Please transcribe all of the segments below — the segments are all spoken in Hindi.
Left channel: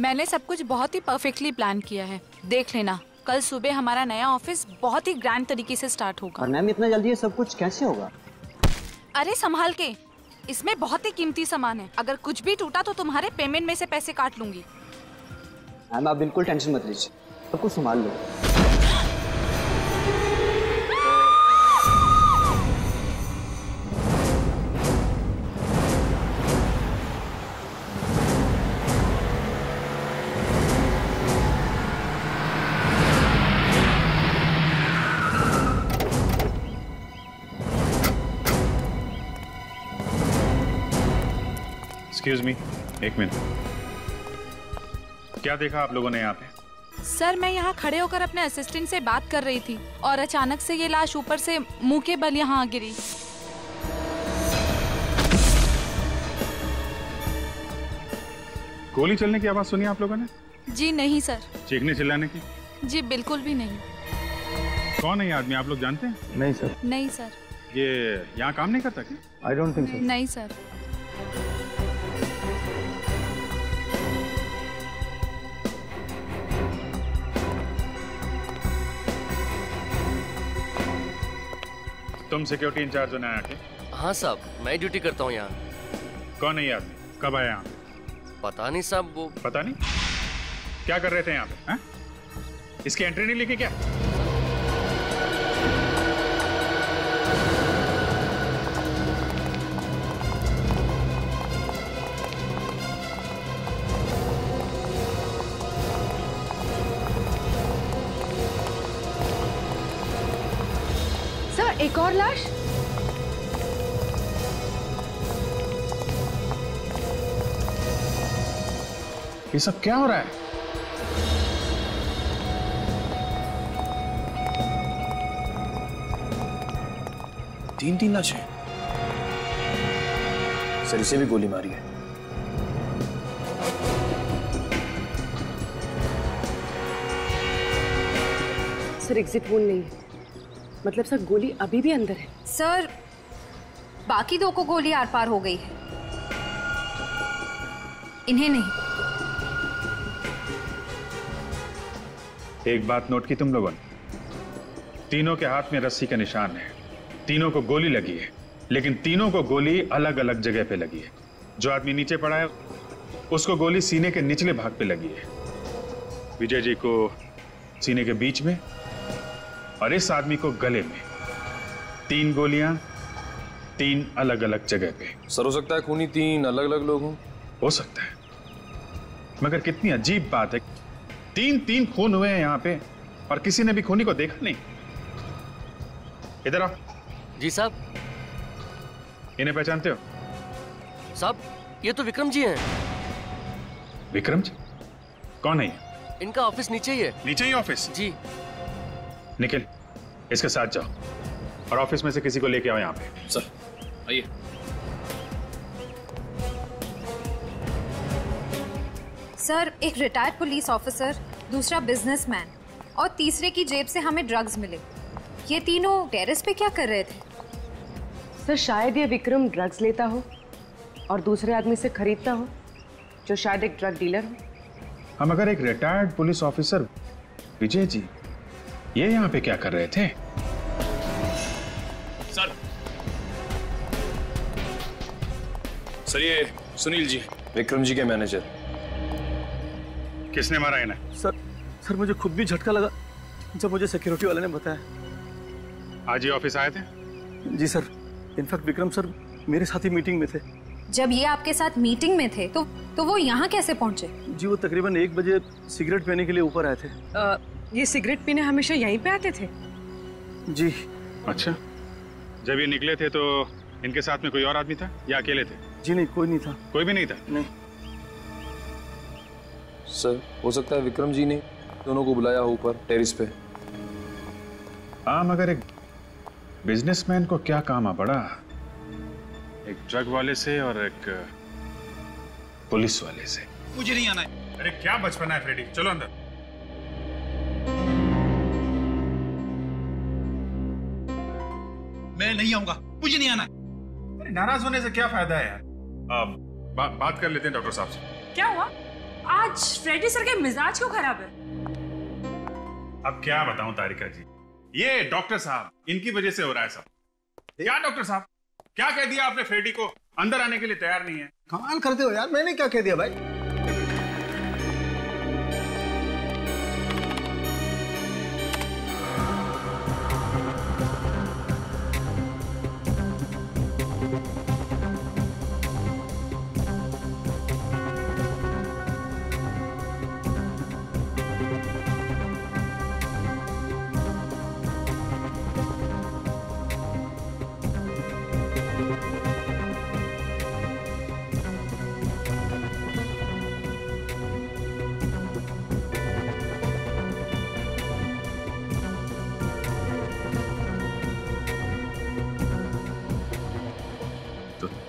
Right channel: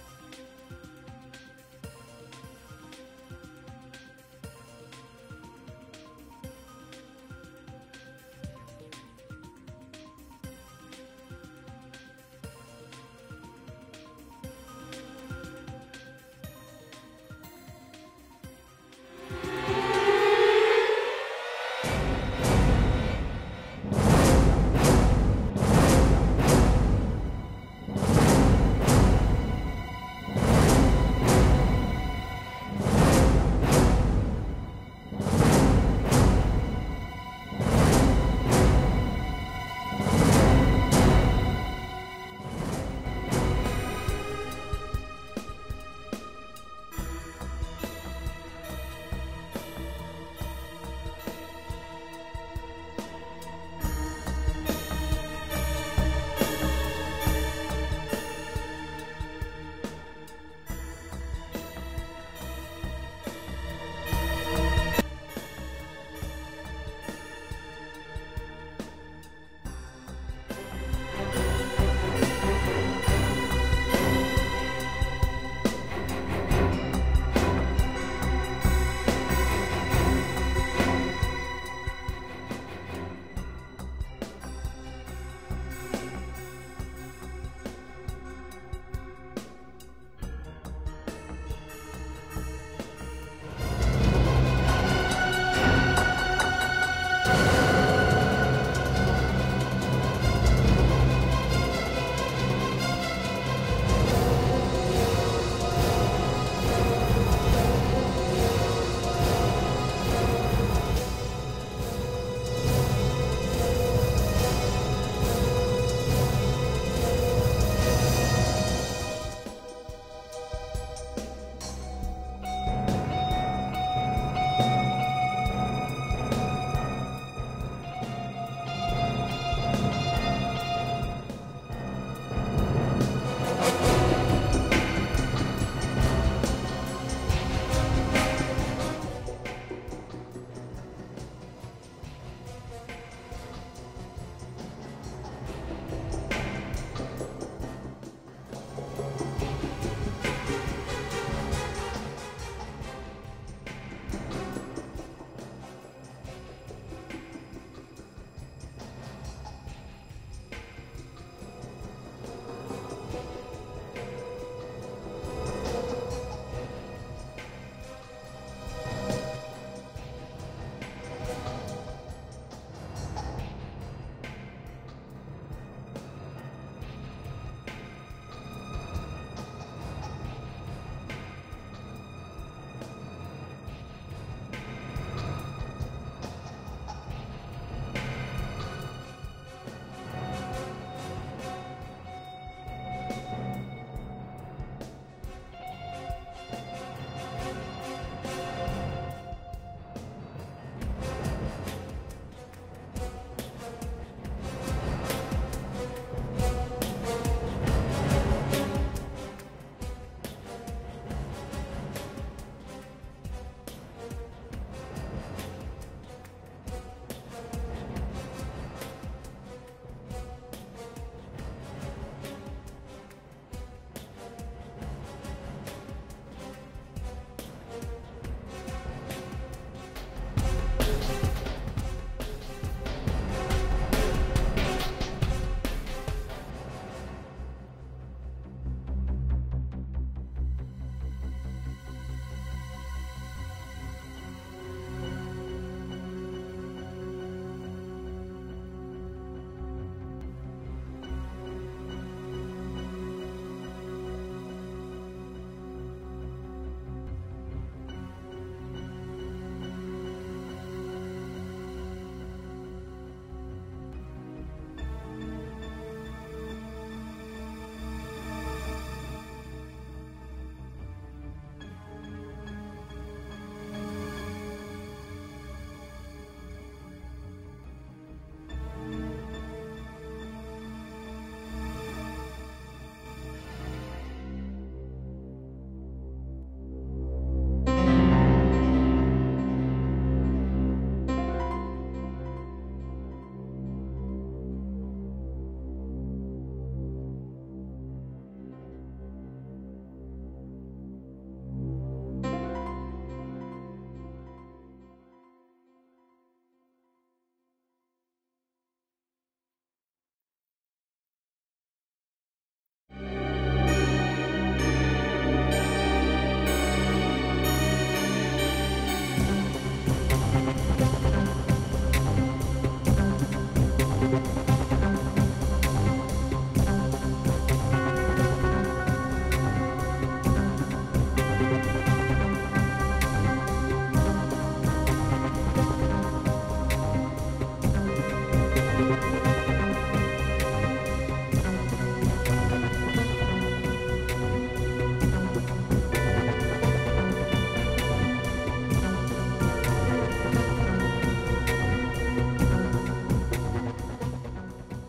मैंने सब कुछ बहुत ही परफेक्टली प्लान किया है। देख लेना, कल सुबह हमारा नया ऑफिस बहुत ही ग्रैंड तरीके से स्टार्ट होगा। और मैम इतना जल्दी ये सब कुछ कैसे होगा? अरे संभाल के, इसमें बहुत ही कीमती सामान है। अगर कुछ भी टूटा तो तुम्हारे पेमेंट में से पैसे काट लूंगी। मैम आप बिल्कुल टेंशन मत लीजिए, सब कुछ संभाल लो। एक्सक्यूज मी, एक मिनट। क्या देखा आप लोगों ने यहाँ पे? सर मैं यहाँ खड़े होकर अपने असिस्टेंट से बात कर रही थी और अचानक से ये लाश ऊपर से मुंह के बल यहाँ गिरी। गोली चलने की आवाज सुनी आप लोगों ने? जी नहीं सर। चीखने चिल्लाने की? जी बिल्कुल भी नहीं। कौन है ये आदमी, आप लोग जानते हैं? नहीं सर। नहीं सर। ये यहाँ काम नहीं करता क्या? I don't think so. नहीं सर। तुम सिक्योरिटी इंचार्ज हो नया के? हाँ साहब, मैं ड्यूटी करता हूँ यहाँ। कौन है यार, कब आया यहाँ? पता नहीं साहब, वो पता नहीं क्या कर रहे थे यहाँ पे? इसकी एंट्री नहीं लिखी क्या? सर एक और लाश। ये सब क्या हो रहा है? तीन लाशें। सर इसे भी गोली मारी है। सर एग्जिट पोल नहीं, मतलब सर गोली अभी भी अंदर है। सर बाकी दो को गोली आर पार हो गई, इन्हें नहीं। एक बात नोट की तुम लोगों ने? तीनों के हाथ में रस्सी का निशान है, तीनों को गोली लगी है, लेकिन तीनों को गोली अलग अलग जगह पे लगी है। जो आदमी नीचे पड़ा है उसको गोली सीने के निचले भाग पे लगी है, विजय जी को सीने के बीच में और इस आदमी को गले में। 3 गोलियां 3 अलग अलग जगह पे। सर हो सकता है खूनी 3 अलग अलग लोग हों। हो सकता है, मगर कितनी अजीब बात है, 3 खून हुए हैं यहाँ पे और किसी ने भी खूनी को देखा नहीं। इधर आओ। जी साहब। इन्हें पहचानते हो? साहब ये तो विक्रम जी हैं। विक्रम जी? कौन है ये? इनका ऑफिस नीचे ही है। नीचे ही ऑफिस? जी। निखिल इसके साथ जाओ और ऑफिस में से किसी को लेके आओ यहाँ पे। सर आइए। सर एक रिटायर्ड पुलिस ऑफिसर, दूसरा बिजनेसमैन और तीसरे की जेब से हमें ड्रग्स मिले। ये तीनों टेरेस पे क्या कर रहे थे? सर शायद ये विक्रम ड्रग्स लेता हो और दूसरे आदमी से खरीदता हो, जो शायद एक ड्रग डीलर हो। हम अगर एक retired police officer Vijay ji ये यहाँ पे क्या कर रहे थे? सर ये सुनील जी, विक्रम जी के मैनेजर। किसने मारा इन्हें? सर मुझे खुद भी झटका लगा जब मुझे सिक्योरिटी वाले ने बताया। आज ही ऑफिस आए थे? जी सर, इनफैक्ट विक्रम सर मेरे साथ ही मीटिंग में थे। जब ये आपके साथ मीटिंग में थे तो वो यहाँ कैसे पहुँचे? जी वो तकरीबन 1 बजे सिगरेट पीने के लिए ऊपर आए थे। ये सिगरेट पीने हमेशा यहीं पे आते थे? जी। अच्छा, जब ये निकले थे तो इनके साथ में कोई और आदमी था या अकेले थे? जी नहीं, कोई नहीं था। कोई भी नहीं था? नहीं। सर हो सकता है विक्रम जी ने दोनों को बुलाया हो ऊपर टेरिस पे। हाँ, मगर एक बिजनेसमैन को क्या काम आ पड़ा एक ड्रग वाले से और एक पुलिस वाले से? मुझे नहीं आना है। अरे क्या बचपना है फ्रेडी, चलो अंदर। मैं नहीं आऊंगा, मुझे नहीं आना। नाराज होने से क्या फायदा है यार? बात कर लेते हैं डॉक्टर साहब से। क्या हुआ? आज फ्रेडी सर के मिजाज क्यों खराब है? अब क्या बताऊं तारिका जी, ये डॉक्टर साहब इनकी वजह से हो रहा है सब। क्या डॉक्टर साहब, क्या कह दिया आपने फ्रेडी को? अंदर आने के लिए तैयार नहीं है। कमाल करते हो यार, मैंने क्या कह दिया भाई?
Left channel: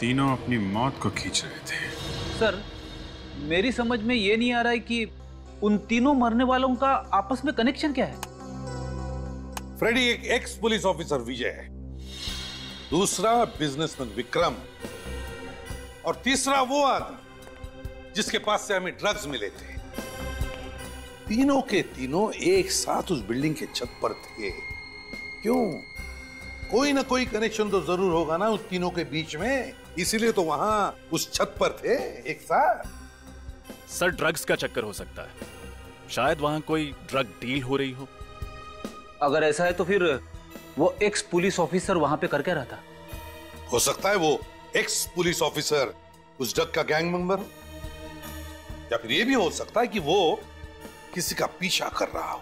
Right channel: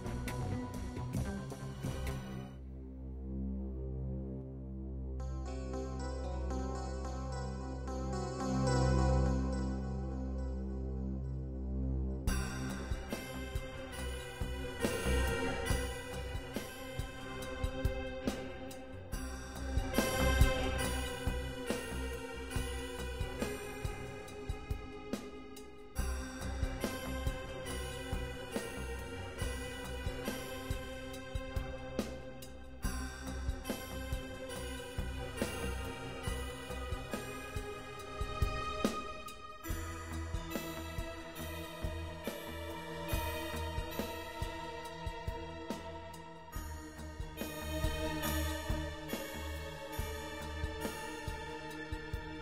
तीनों अपनी मौत को खींच रहे थे। सर, मेरी समझ में ये नहीं आ रहा है कि उन तीनों मरने वालों का आपस में कनेक्शन क्या है। फ्रेडी एक एक्स पुलिस ऑफिसर विजय है, दूसरा बिजनेसमैन विक्रम, और तीसरा वो आदमी जिसके पास से हमें ड्रग्स मिले थे। तीनों के तीनों एक साथ उस बिल्डिंग के छत पर थे। क्यों? कोई ना कोई कनेक्शन तो जरूर होगा ना उस तीनों के बीच में, इसीलिए तो वहां उस छत पर थे एक साथ। सर, ड्रग्स का चक्कर हो सकता है, शायद वहां कोई ड्रग डील हो रही हो। अगर ऐसा है तो फिर वो एक्स पुलिस ऑफिसर वहां पे कर क्या रहा था? हो सकता है वो एक्स पुलिस ऑफिसर उस ड्रग का गैंग मेंबर, या फिर ये भी हो सकता है कि वो किसी का पीछा कर रहा हो।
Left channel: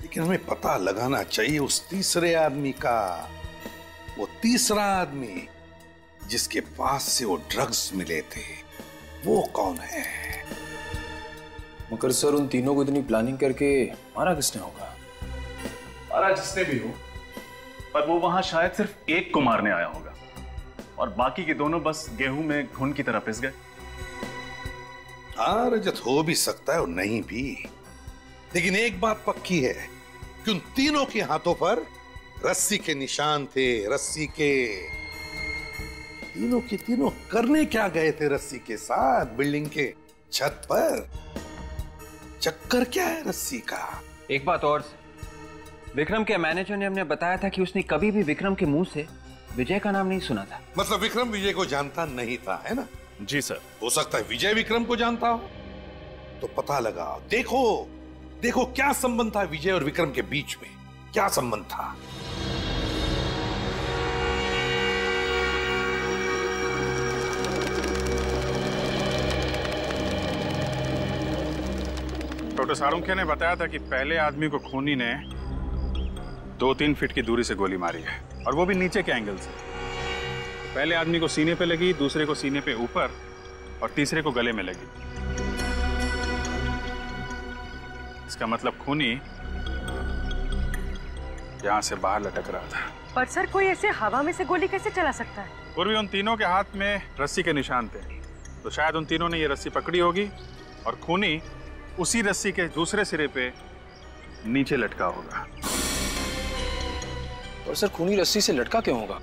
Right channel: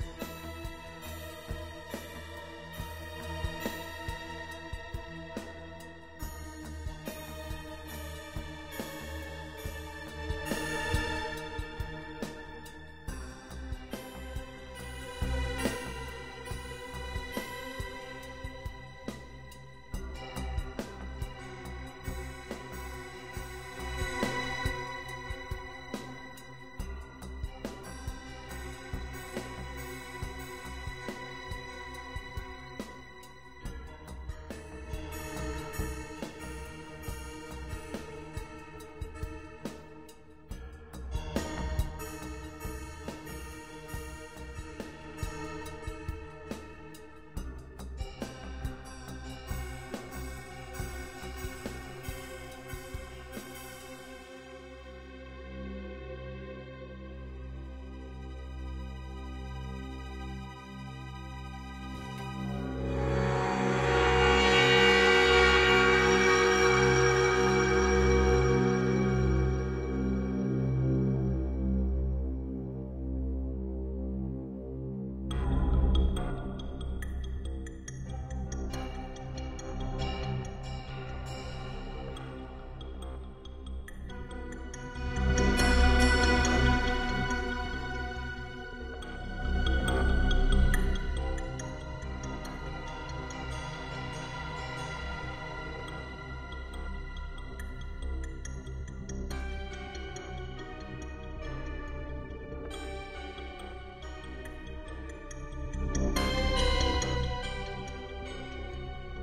लेकिन हमें पता लगाना चाहिए उस तीसरे आदमी का। वो तीसरा आदमी जिसके पास से वो ड्रग्स मिले थे, वो कौन है? मगर सर, उन तीनों को इतनी प्लानिंग करके मारा किसने होगा? मारा जिसने भी हो, पर वो वहां शायद सिर्फ एक को मारने आया होगा और बाकी के दोनों बस गेहूं में घुन की तरह पिस गए। हाँ रजत, हो भी सकता है और नहीं भी, लेकिन एक बात पक्की है कि उन तीनों के हाथों पर रस्सी के निशान थे। रस्सी के तीनों के तीनों करने क्या गए थे रस्सी के साथ बिल्डिंग के छत पर? चक्कर क्या है रस्सी का? एक बात और, विक्रम के मैनेजर ने हमें बताया था कि उसने कभी भी विक्रम के मुंह से विजय का नाम नहीं सुना था। मतलब विक्रम विजय को जानता नहीं था, है ना? जी सर। हो सकता है विजय विक्रम को जानता हो, तो पता लगाओ। देखो देखो क्या संबंध था विजय और विक्रम के बीच में, क्या संबंध था? डॉक्टर सारुंखे ने बताया था कि पहले आदमी को खूनी ने 2-3 फीट की दूरी से गोली मारी है, और वो भी नीचे के एंगल से। पहले आदमी को सीने पे लगी, दूसरे को सीने पे ऊपर, और तीसरे को गले में लगी। इसका मतलब खूनी यहां से बाहर लटक रहा था। पर सर, कोई ऐसे हवा में से गोली कैसे चला सकता है? और भी उन तीनों के हाथ में रस्सी के निशान थे, तो शायद उन तीनों ने ये रस्सी पकड़ी होगी और खूनी उसी रस्सी के दूसरे सिरे पे नीचे लटका होगा। और सर, खूनी रस्सी से लटका क्यों होगा?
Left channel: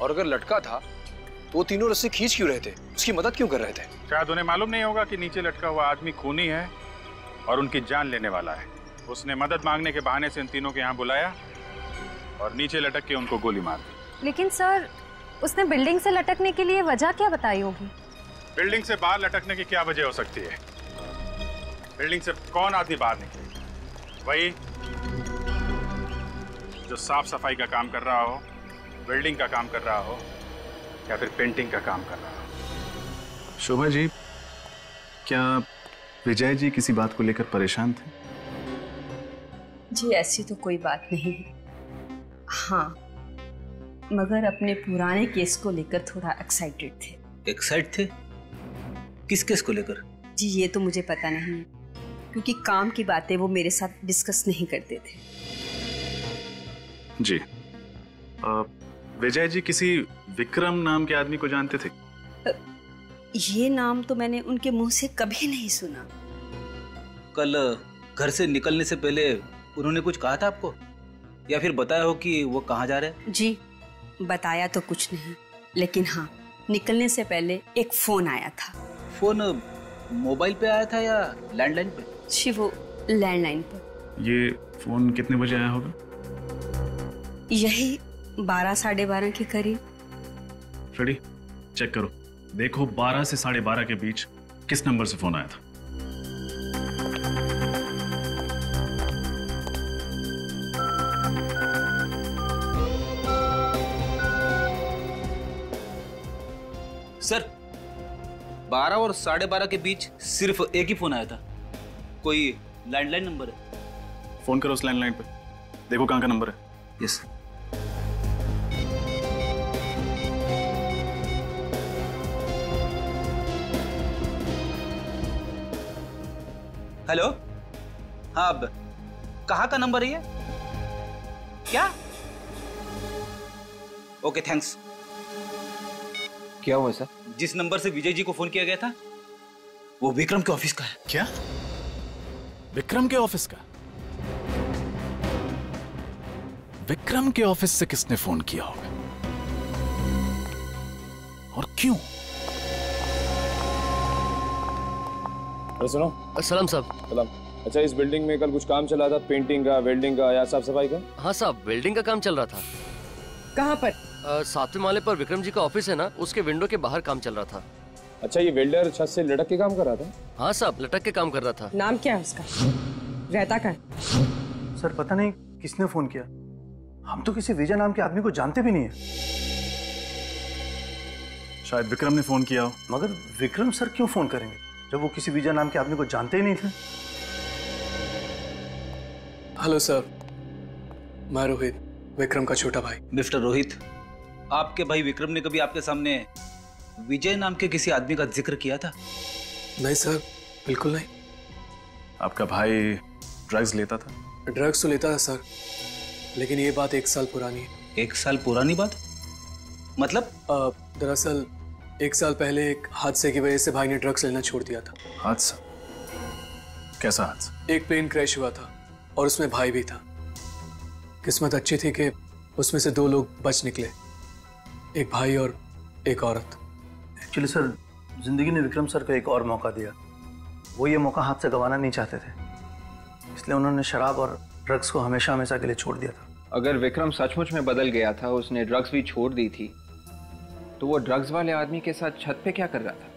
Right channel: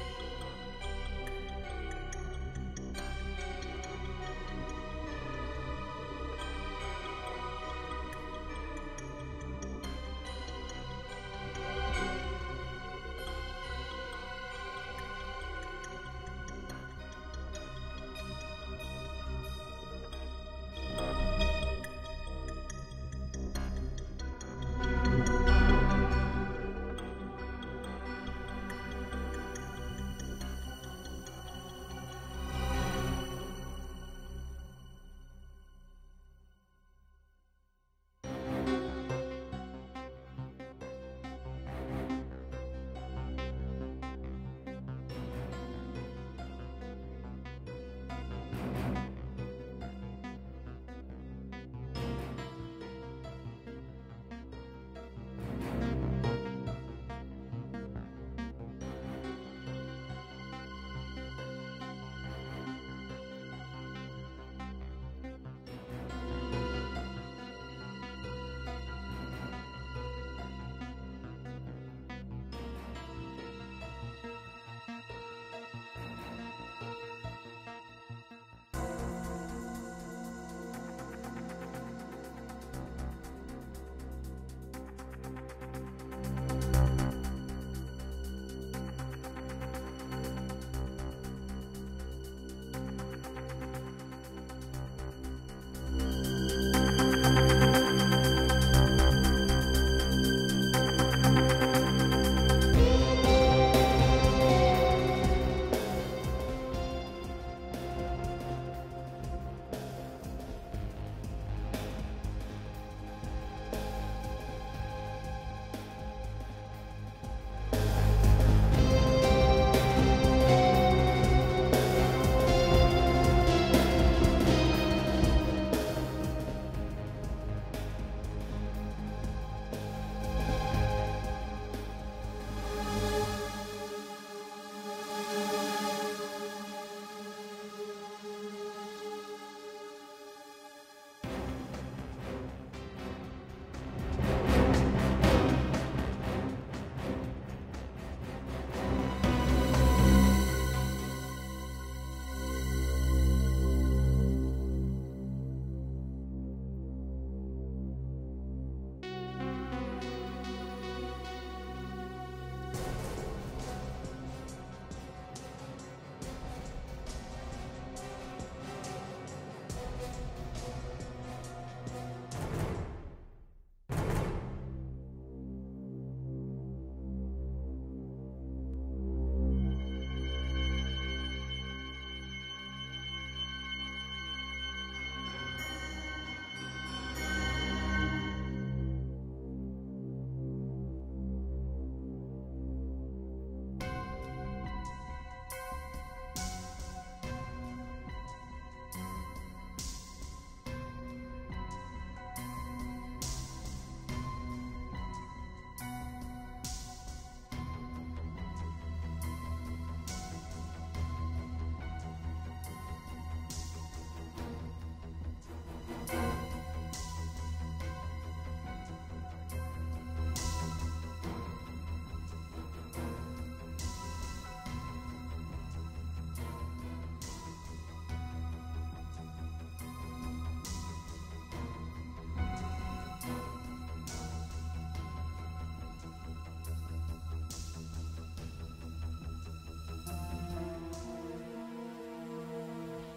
और अगर लटका था तो वो तीनों रस्सी खींच क्यों रहे थे? उसकी मदद क्यों कर रहे थे? शायद उन्हें मालूम नहीं होगा कि नीचे लटका हुआ आदमी खूनी है और उनकी जान लेने वाला है। उसने मदद मांगने के बहाने से इन तीनों को यहाँ बुलाया और नीचे लटक के उनको गोली मार दी। लेकिन सर, उसने बिल्डिंग से लटकने के लिए वजह क्या बताई होगी? बिल्डिंग से बाहर लटकने की क्या वजह हो सकती है? बिल्डिंग से कौन आदमी बाहर निकले? वही जो साफ सफाई का काम कर रहा हो, बिल्डिंग का काम कर रहा हो, या फिर पेंटिंग का काम कर रहा हो। शोभा जी, क्या विजय जी किसी बात को लेकर परेशान थे? जी ऐसी तो कोई बात नहीं है, हाँ, मगर अपने पुराने केस को लेकर थोड़ा एक्साइटेड थे। एक्साइट थे? किस केस को लेकर? जी ये तो मुझे पता नहीं, क्योंकि काम की बातें वो मेरे साथ डिस्कस नहीं करते थे। जी, विजय जी किसी विक्रम नाम के आदमी को जानते थे? ये नाम तो मैंने उनके मुंह से कभी नहीं सुना। कल घर से निकलने से पहले उन्होंने कुछ कहा था आपको, या फिर बताया हो कि वो कहाँ जा रहे हैं? जी बताया तो कुछ नहीं, लेकिन हाँ, निकलने से पहले एक फोन आया था। फोन मोबाइल पे आया था या लैंडलाइन पे? जी वो लैंडलाइन पर। ये फोन कितने बजे आया होगा? यही 12 साढ़े 12 के करीब। फ्रेडी चेक करो, देखो 12 से 12:30 के बीच किस नंबर से फोन आया था। सर 12 और 12:30 के बीच सिर्फ एक ही फोन आया था। कोई लैंडलाइन नंबर है? फोन करो उस लैंडलाइन पे, देखो कहाँ का नंबर है। यस। हेलो, हाँ अब कहाँ का नंबर है ये? क्या? Okay thanks. क्या हुआ सर? जिस नंबर से विजय जी को फोन किया गया था वो विक्रम के ऑफिस का है। क्या? विक्रम के ऑफिस का? विक्रम के ऑफिस से किसने फोन किया होगा और क्यों? सुनो। सलाम साहब। सलाम। अच्छा, इस बिल्डिंग में कल कुछ काम चला था, पेंटिंग का, वेल्डिंग का या साफ सफाई का? हाँ साहब, वेल्डिंग का काम चल रहा था। कहाँ पर? 7वें माले पर विक्रम जी का ऑफिस है ना, उसके विंडो के बाहर काम चल रहा था। अच्छा, ये वेल्डर छत से लटक के काम कर रहा था? हाँ साहब, लटक के काम कर रहा था। नाम क्या है उसका? रहता कहाँ? सर पता नहीं किसने फोन किया, हम तो किसी विजय नाम के आदमी को जानते भी नहीं है। शायद विक्रम ने फोन किया हो। मगर विक्रम सर क्यों फोन करेंगे जब वो किसी विजय नाम के आदमी को जानते ही नहीं थे? हेलो सर, मैं रोहित, विक्रम का छोटा भाई। मिस्टर रोहित, आपके भाई विक्रम ने कभी आपके सामने विजय नाम के किसी आदमी का जिक्र किया था? नहीं सर, बिल्कुल नहीं। आपका भाई ड्रग्स लेता था? ड्रग्स तो लेता था सर, लेकिन ये बात 1 साल पुरानी है। 1 साल पुरानी बात? मतलब? दरअसल 1 साल पहले एक हादसे की वजह से भाई ने ड्रग्स लेना छोड़ दिया था। हादसा? कैसा हादसा? एक प्लेन क्रैश हुआ था और उसमें भाई भी था। किस्मत अच्छी थी कि उसमें से 2 लोग बच निकले, एक भाई और एक औरत। एक्चुअली सर, जिंदगी ने विक्रम सर को एक और मौका दिया। वो ये मौका हाथ से गंवाना नहीं चाहते थे, इसलिए उन्होंने शराब और ड्रग्स को हमेशा हमेशा के लिए छोड़ दिया था। अगर विक्रम सचमुच में बदल गया था, उसने ड्रग्स भी छोड़ दी थी, तो वो ड्रग्स वाले आदमी के साथ छत पे क्या कर रहा था?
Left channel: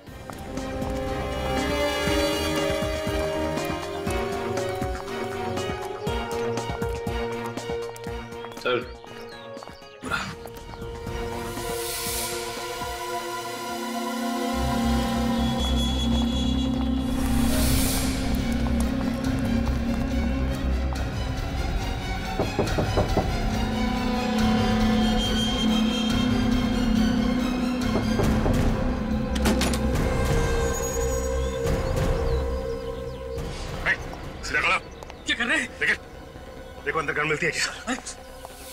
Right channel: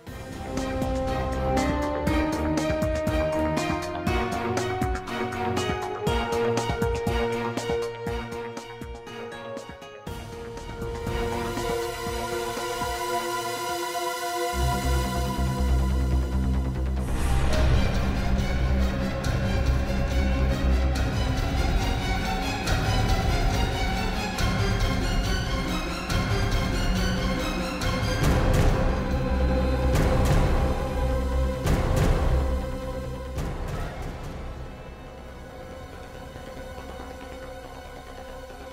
सर,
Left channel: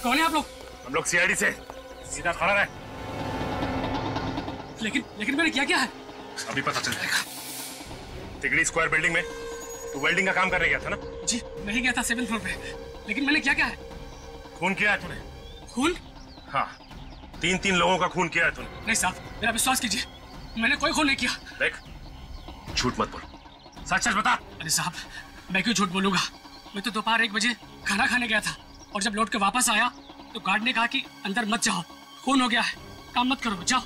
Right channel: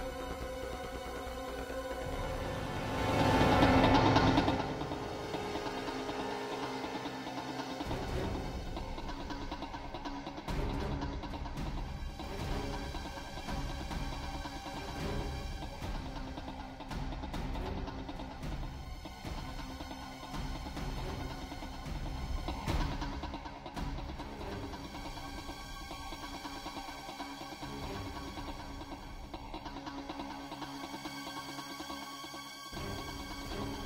कौन है आप लोग? हम लोग सीआईडी से। सीधा खड़ा रहे। लेकिन मैंने क्या है? अभी पता चल जाएगा। तिगड़ी स्क्वायर बिल्डिंग में तो वेल्डिंग का काम करने गया था ना? जी, मैं ही गया था 7th फ्लोर पे। लेकिन मैंने क्या है? खून किया है तूने? खून? हाँ, 3 लोगों का खून किया है तूने। नहीं साहब, मेरा विश्वास कीजिए, मैंने कोई खून नहीं किया। देख, झूठ मत बोल, सच सच बता। अरे साहब, मैं क्यों झूठ बोलूंगा? मैं तो दोपहर 1 बजे खाना खाने गया था और जब लौट के वापस आया तो गार्ड ने कहा कि अंदर मत जाओ, खून हो गया है, काम मत करो, जाओ।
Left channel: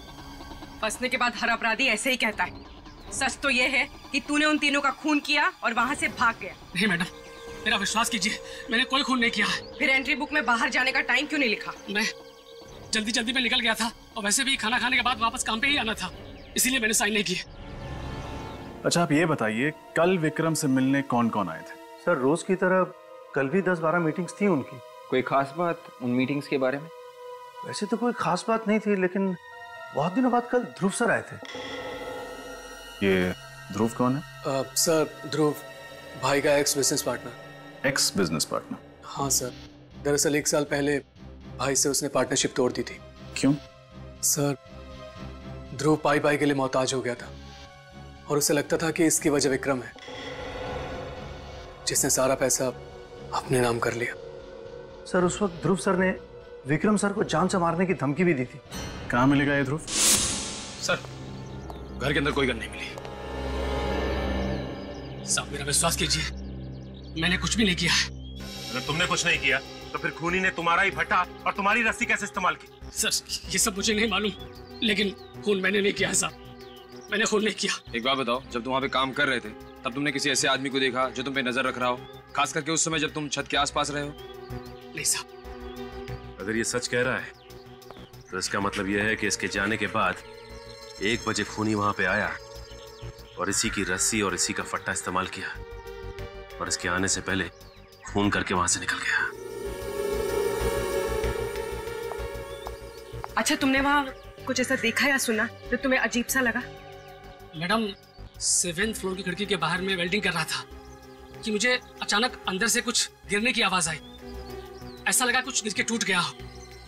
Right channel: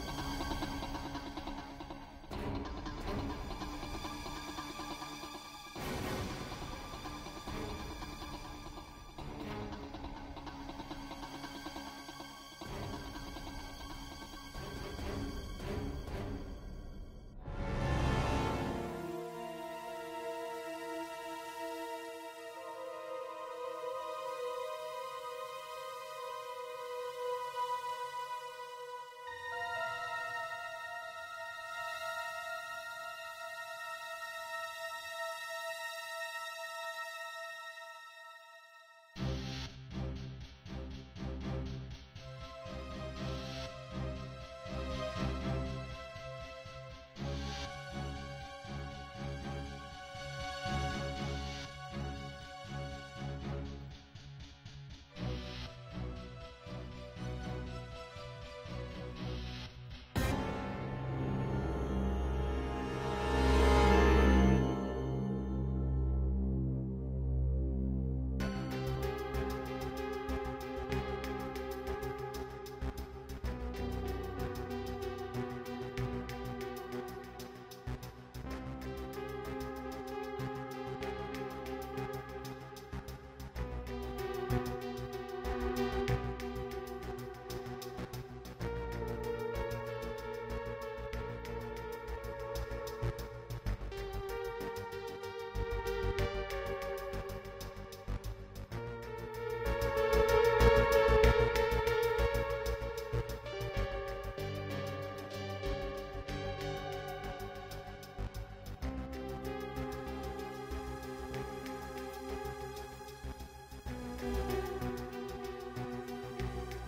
बसने के बाद हर अपराधी ऐसे ही कहता है। सच तो ये है कि तूने उन तीनों का खून किया और वहाँ से भाग गया। नहीं मैडम, मेरा विश्वास कीजिए, मैंने कोई खून नहीं किया है। फिर एंट्री बुक में बाहर जाने का टाइम क्यों नहीं लिखा? मैं जल्दी में निकल गया था और वैसे भी खाना खाने के बाद वापस काम पे ही आना था, इसीलिए मैंने साइन नहीं किए। अच्छा, आप ये बताइए, कल विक्रम से मिलने कौन कौन आए थे? सर, रोज की तरह कल भी 10-12 मीटिंग्स थी उनकी। कोई खास बात उन मीटिंग्स के बारे में? वैसे तो कोई खास बात नहीं थी, लेकिन बहुत दिनों बाद कल ध्रुव सर आए थे। ये ध्रुव कौन है? सर, ध्रुव भाई का x business partner. X business partner? हाँ सर, दरअसल 1 साल पहले भाई से उसने पार्टनरशिप तोड़ दी थी। क्यों? सर, ध्रुव पाई के लिए मोहताज हो गया था और उसे लगता था कि इसकी वजह विक्रम है, जिसने सारा पैसा अपने नाम कर लिया। सर, उस वक्त ध्रुव सर ने विक्रम सर को जान से मारने की धमकी भी दी थी। कहाँ मिलेगा ये ध्रुव? सर, घर के अंदर कोई गन नहीं मिली। साहब मेरा विश्वास कीजिए, मैंने कुछ भी नहीं किया है। अगर तुमने कुछ नहीं किया तो फिर खूनी ने तुम्हारा ही भट्टा और तुम्हारी रस्सी कैसे इस्तेमाल की? सर ये सब मुझे नहीं मालूम, लेकिन खून मैंने नहीं किया है साहब, मैंने खून नहीं किया। एक बात बताओ, जब तुम वहाँ पे काम कर रहे थे तब तुमने किसी ऐसे आदमी को देखा जो तुम पे नजर रख रहा हो, खास करके उस समय जब तुम छत के आसपास रहे हो? नहीं साहब। अगर ये सच कह रहा है तो इसका मतलब यह है कि इसके जाने के बाद 1 बजे खूनी वहां पे आया और इसी की रस्सी और इसी का फट्टा इस्तेमाल किया और इसके आने से पहले खून करके वहां से निकल गया। अच्छा, तुमने वहाँ कुछ ऐसा देखा या सुना तो तुम्हें अजीब सा लगा? मैडम 7th फ्लोर की खिड़की के बाहर में वेल्डिंग कर रहा था कि मुझे अचानक अंदर से कुछ गिरने की आवाज आई। ऐसा लगा कुछ गिर के टूट गया हो,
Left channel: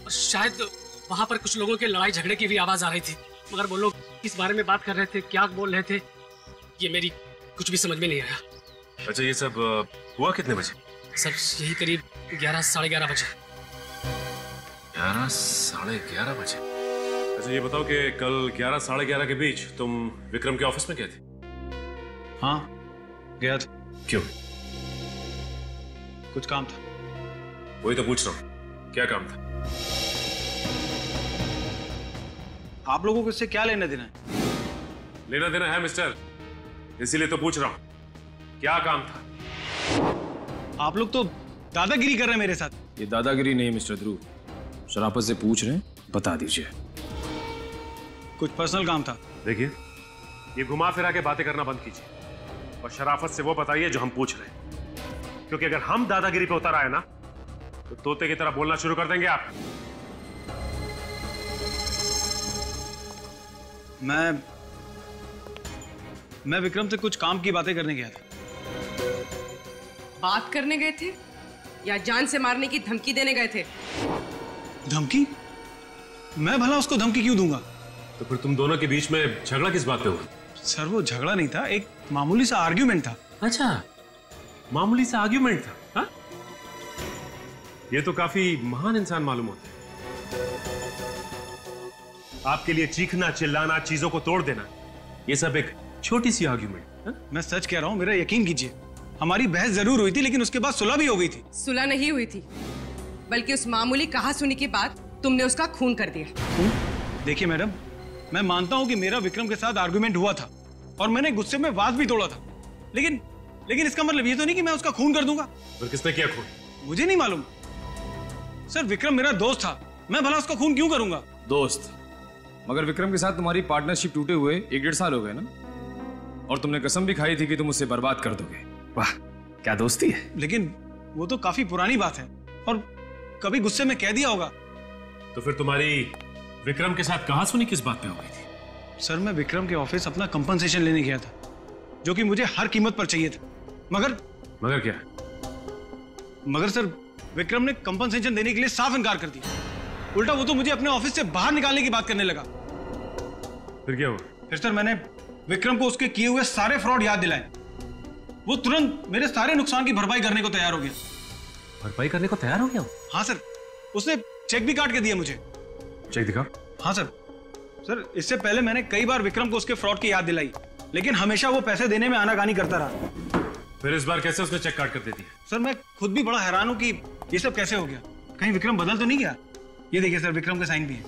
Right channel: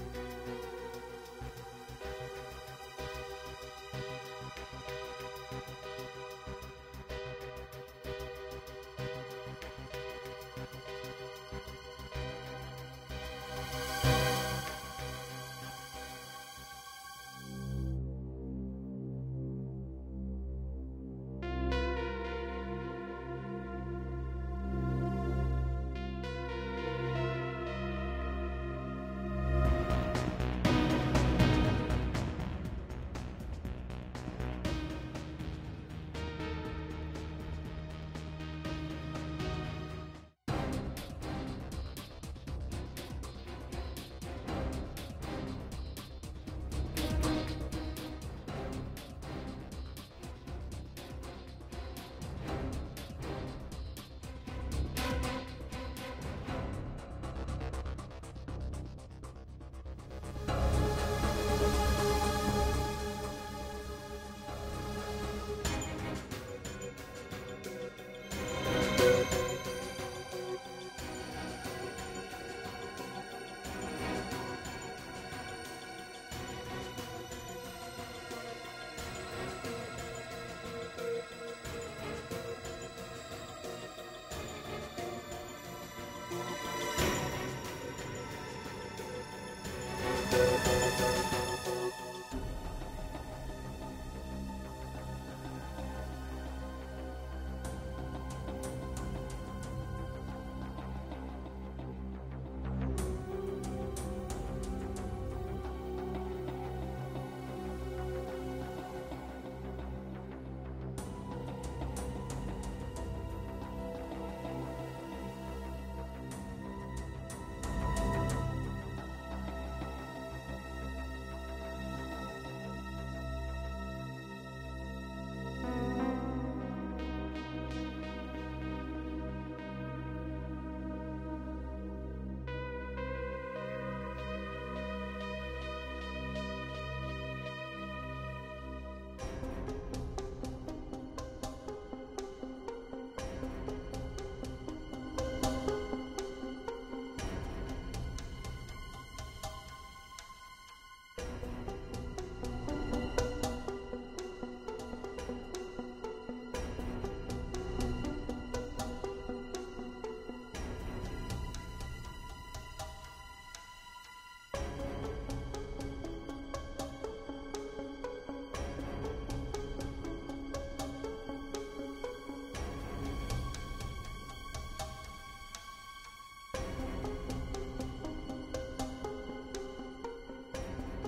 और शायद वहां पर कुछ लोगों के लड़ाई झगड़े की भी आवाज आ रही थी, मगर वो लोग किस बारे में बात कर रहे थे, क्या बोल रहे थे, ये मेरी कुछ भी समझ में नहीं आया। अच्छा, ये सब हुआ कितने बजे? सर यही करीब 11 साढ़े 11 बजे। 11 साढ़े 11 बजे? अच्छा ये बताओ कि कल 11 साढ़े 11 के बीच तुम विक्रम के ऑफिस में गए थे? हाँ गया था। क्यों? कुछ काम था। वही तो पूछ रहा हूँ, क्या काम था? आप लोगों को इससे क्या लेना देना है? लेना देना है मिस्टर, इसीलिए तो पूछ रहा हूँ, क्या काम था? आप लोग तो दादागिरी कर रहे हैं मेरे साथ। ये दादागिरी नहीं मिस्टर ध्रुव, शराफत से पूछ रहे हैं, बता दीजिए। कुछ पर्सनल काम था। देखिए, ये घुमा फिरा के बातें करना बंद कीजिए और शराफत से वो बताइए जो हम पूछ रहे हैं, क्योंकि अगर हम दादागिरी पे उतर आए ना तो तोते की तरह बोलना शुरू कर देंगे आप। मैं विक्रम से कुछ काम की बातें करने गया था। बात करने गए थे या जान से मारने की धमकी देने गए थे? धमकी? मैं भला उसको धमकी क्यों दूंगा? तो फिर तुम दोनों के बीच में झगड़ा किस बात पे हुआ? सर वो झगड़ा नहीं था, एक मामूली सा आर्ग्यूमेंट था। अच्छा, मामूली सा आर्ग्यूमेंट था? हा? ये तो काफी महान इंसान मालूम होता है। आपके लिए चीखना, चिल्लाना, चीजों को तोड़ देना, ये सब एक छोटी सी आर्ग्यूमेंट। मैं सच कह रहा हूँ, मेरा यकीन कीजिए, हमारी बहस जरूर हुई थी, लेकिन उसके बाद सुलह भी हो गई थी। सुलह नहीं हुई थी, बल्कि उस मामूली कहा-सुनी के बाद तुमने उसका खून कर दिया। देखिए मैडम, मैं मानता हूँ कि मेरा विक्रम के साथ आर्गुमेंट हुआ था और मैंने गुस्से में वाद भी तोड़ा था, लेकिन इसका मतलब ये तो नहीं कि मैं उसका खून कर दूंगा। फिर किसने किया खून? मुझे नहीं मालूम सर, विक्रम मेरा दोस्त था, मैं भला उसका खून क्यों करूंगा? दोस्त? मगर विक्रम के साथ तुम्हारी पार्टनरशिप टूटे हुए 1-1.5 साल हो गए ना, और तुमने कसम भी खाई थी कि तुम उसे बर्बाद कर दोगे। वाह, क्या दोस्ती है। लेकिन वो तो काफी पुरानी बात है और कभी गुस्से में कह दिया होगा। तो फिर तुम्हारी विक्रम के साथ कहासुनी किस बात पे हो गई थी? सर मैं विक्रम के ऑफिस अपना कंपनसेशन लेने गया था, जो कि मुझे हर कीमत पर चाहिए था, मगर क्या? मगर सर विक्रम ने कंपनसेशन देने के लिए साफ इनकार कर दिया। उल्टा वो तो मुझे अपने ऑफिस से बाहर निकालने की बात करने लगा। फिर क्या हुआ? फिर सर मैंने विक्रम को उसके किए हुए सारे फ्रॉड याद दिलाए। वो तुरंत मेरे सारे नुकसान की भरपाई करने को तैयार हो गया। भरपाई करने को तैयार हो गया? हाँ सर, उसने चेक भी काट के दिया मुझे। चेक दिखा? हाँ सर। सर इससे पहले मैंने कई बार विक्रम को उसके फ्रॉड की याद दिलाई, लेकिन हमेशा वो पैसे देने में आनाकानी करता रहा। फिर इस बार कैसे उसने चेक काट कर दे दिया? सर मैं खुद भी बड़ा हैरान हूँ कि ये सब कैसे हो गया। कहीं विक्रम बदल तो नहीं गया? ये देखिए सर, विक्रम का साइन भी है।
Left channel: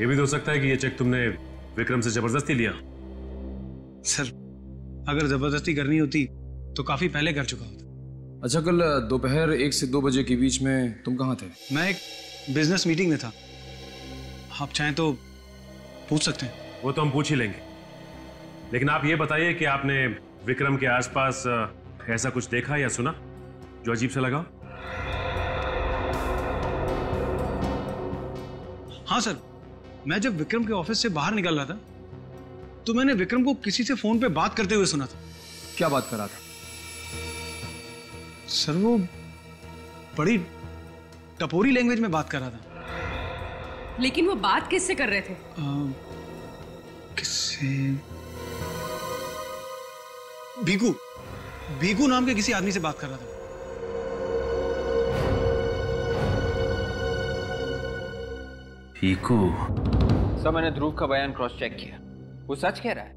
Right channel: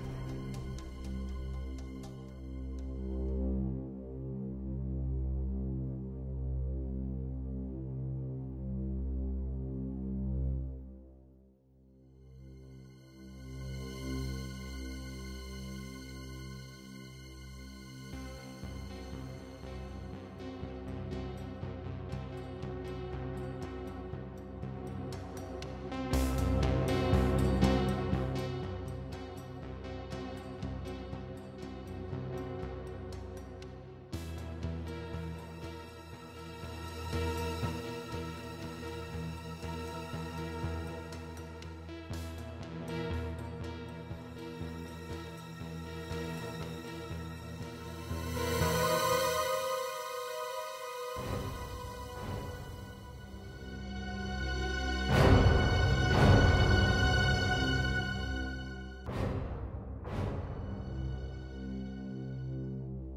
ये भी तो हो सकता है कि ये चेक तुमने विक्रम से जबरदस्ती लिया। सर अगर जबरदस्ती करनी होती तो काफी पहले कर चुका होता। अच्छा, कल दोपहर 1 से 2 बजे के बीच में तुम कहाँ थे? मैं एक बिजनेस मीटिंग में था। आप चाहें तो पूछ सकते हैं। वो तो हम पूछ ही लेंगे, लेकिन आप ये बताइए कि आपने विक्रम के आसपास ऐसा कुछ देखा या सुना जो अजीब सा लगा? हाँ सर, मैं जब विक्रम के ऑफिस से बाहर निकल रहा था तो मैंने विक्रम को किसी से फोन पे बात करते हुए सुना था। क्या बात कर रहा था? सर वो बड़ी टपोरी लैंग्वेज में बात कर रहा था। लेकिन वो बात किससे कर रहे थे? किससे? भीकू नाम के किसी आदमी से बात कर रहा था। सर मैंने ध्रुव का बयान क्रॉस चेक किया, वो सच कह रहा है।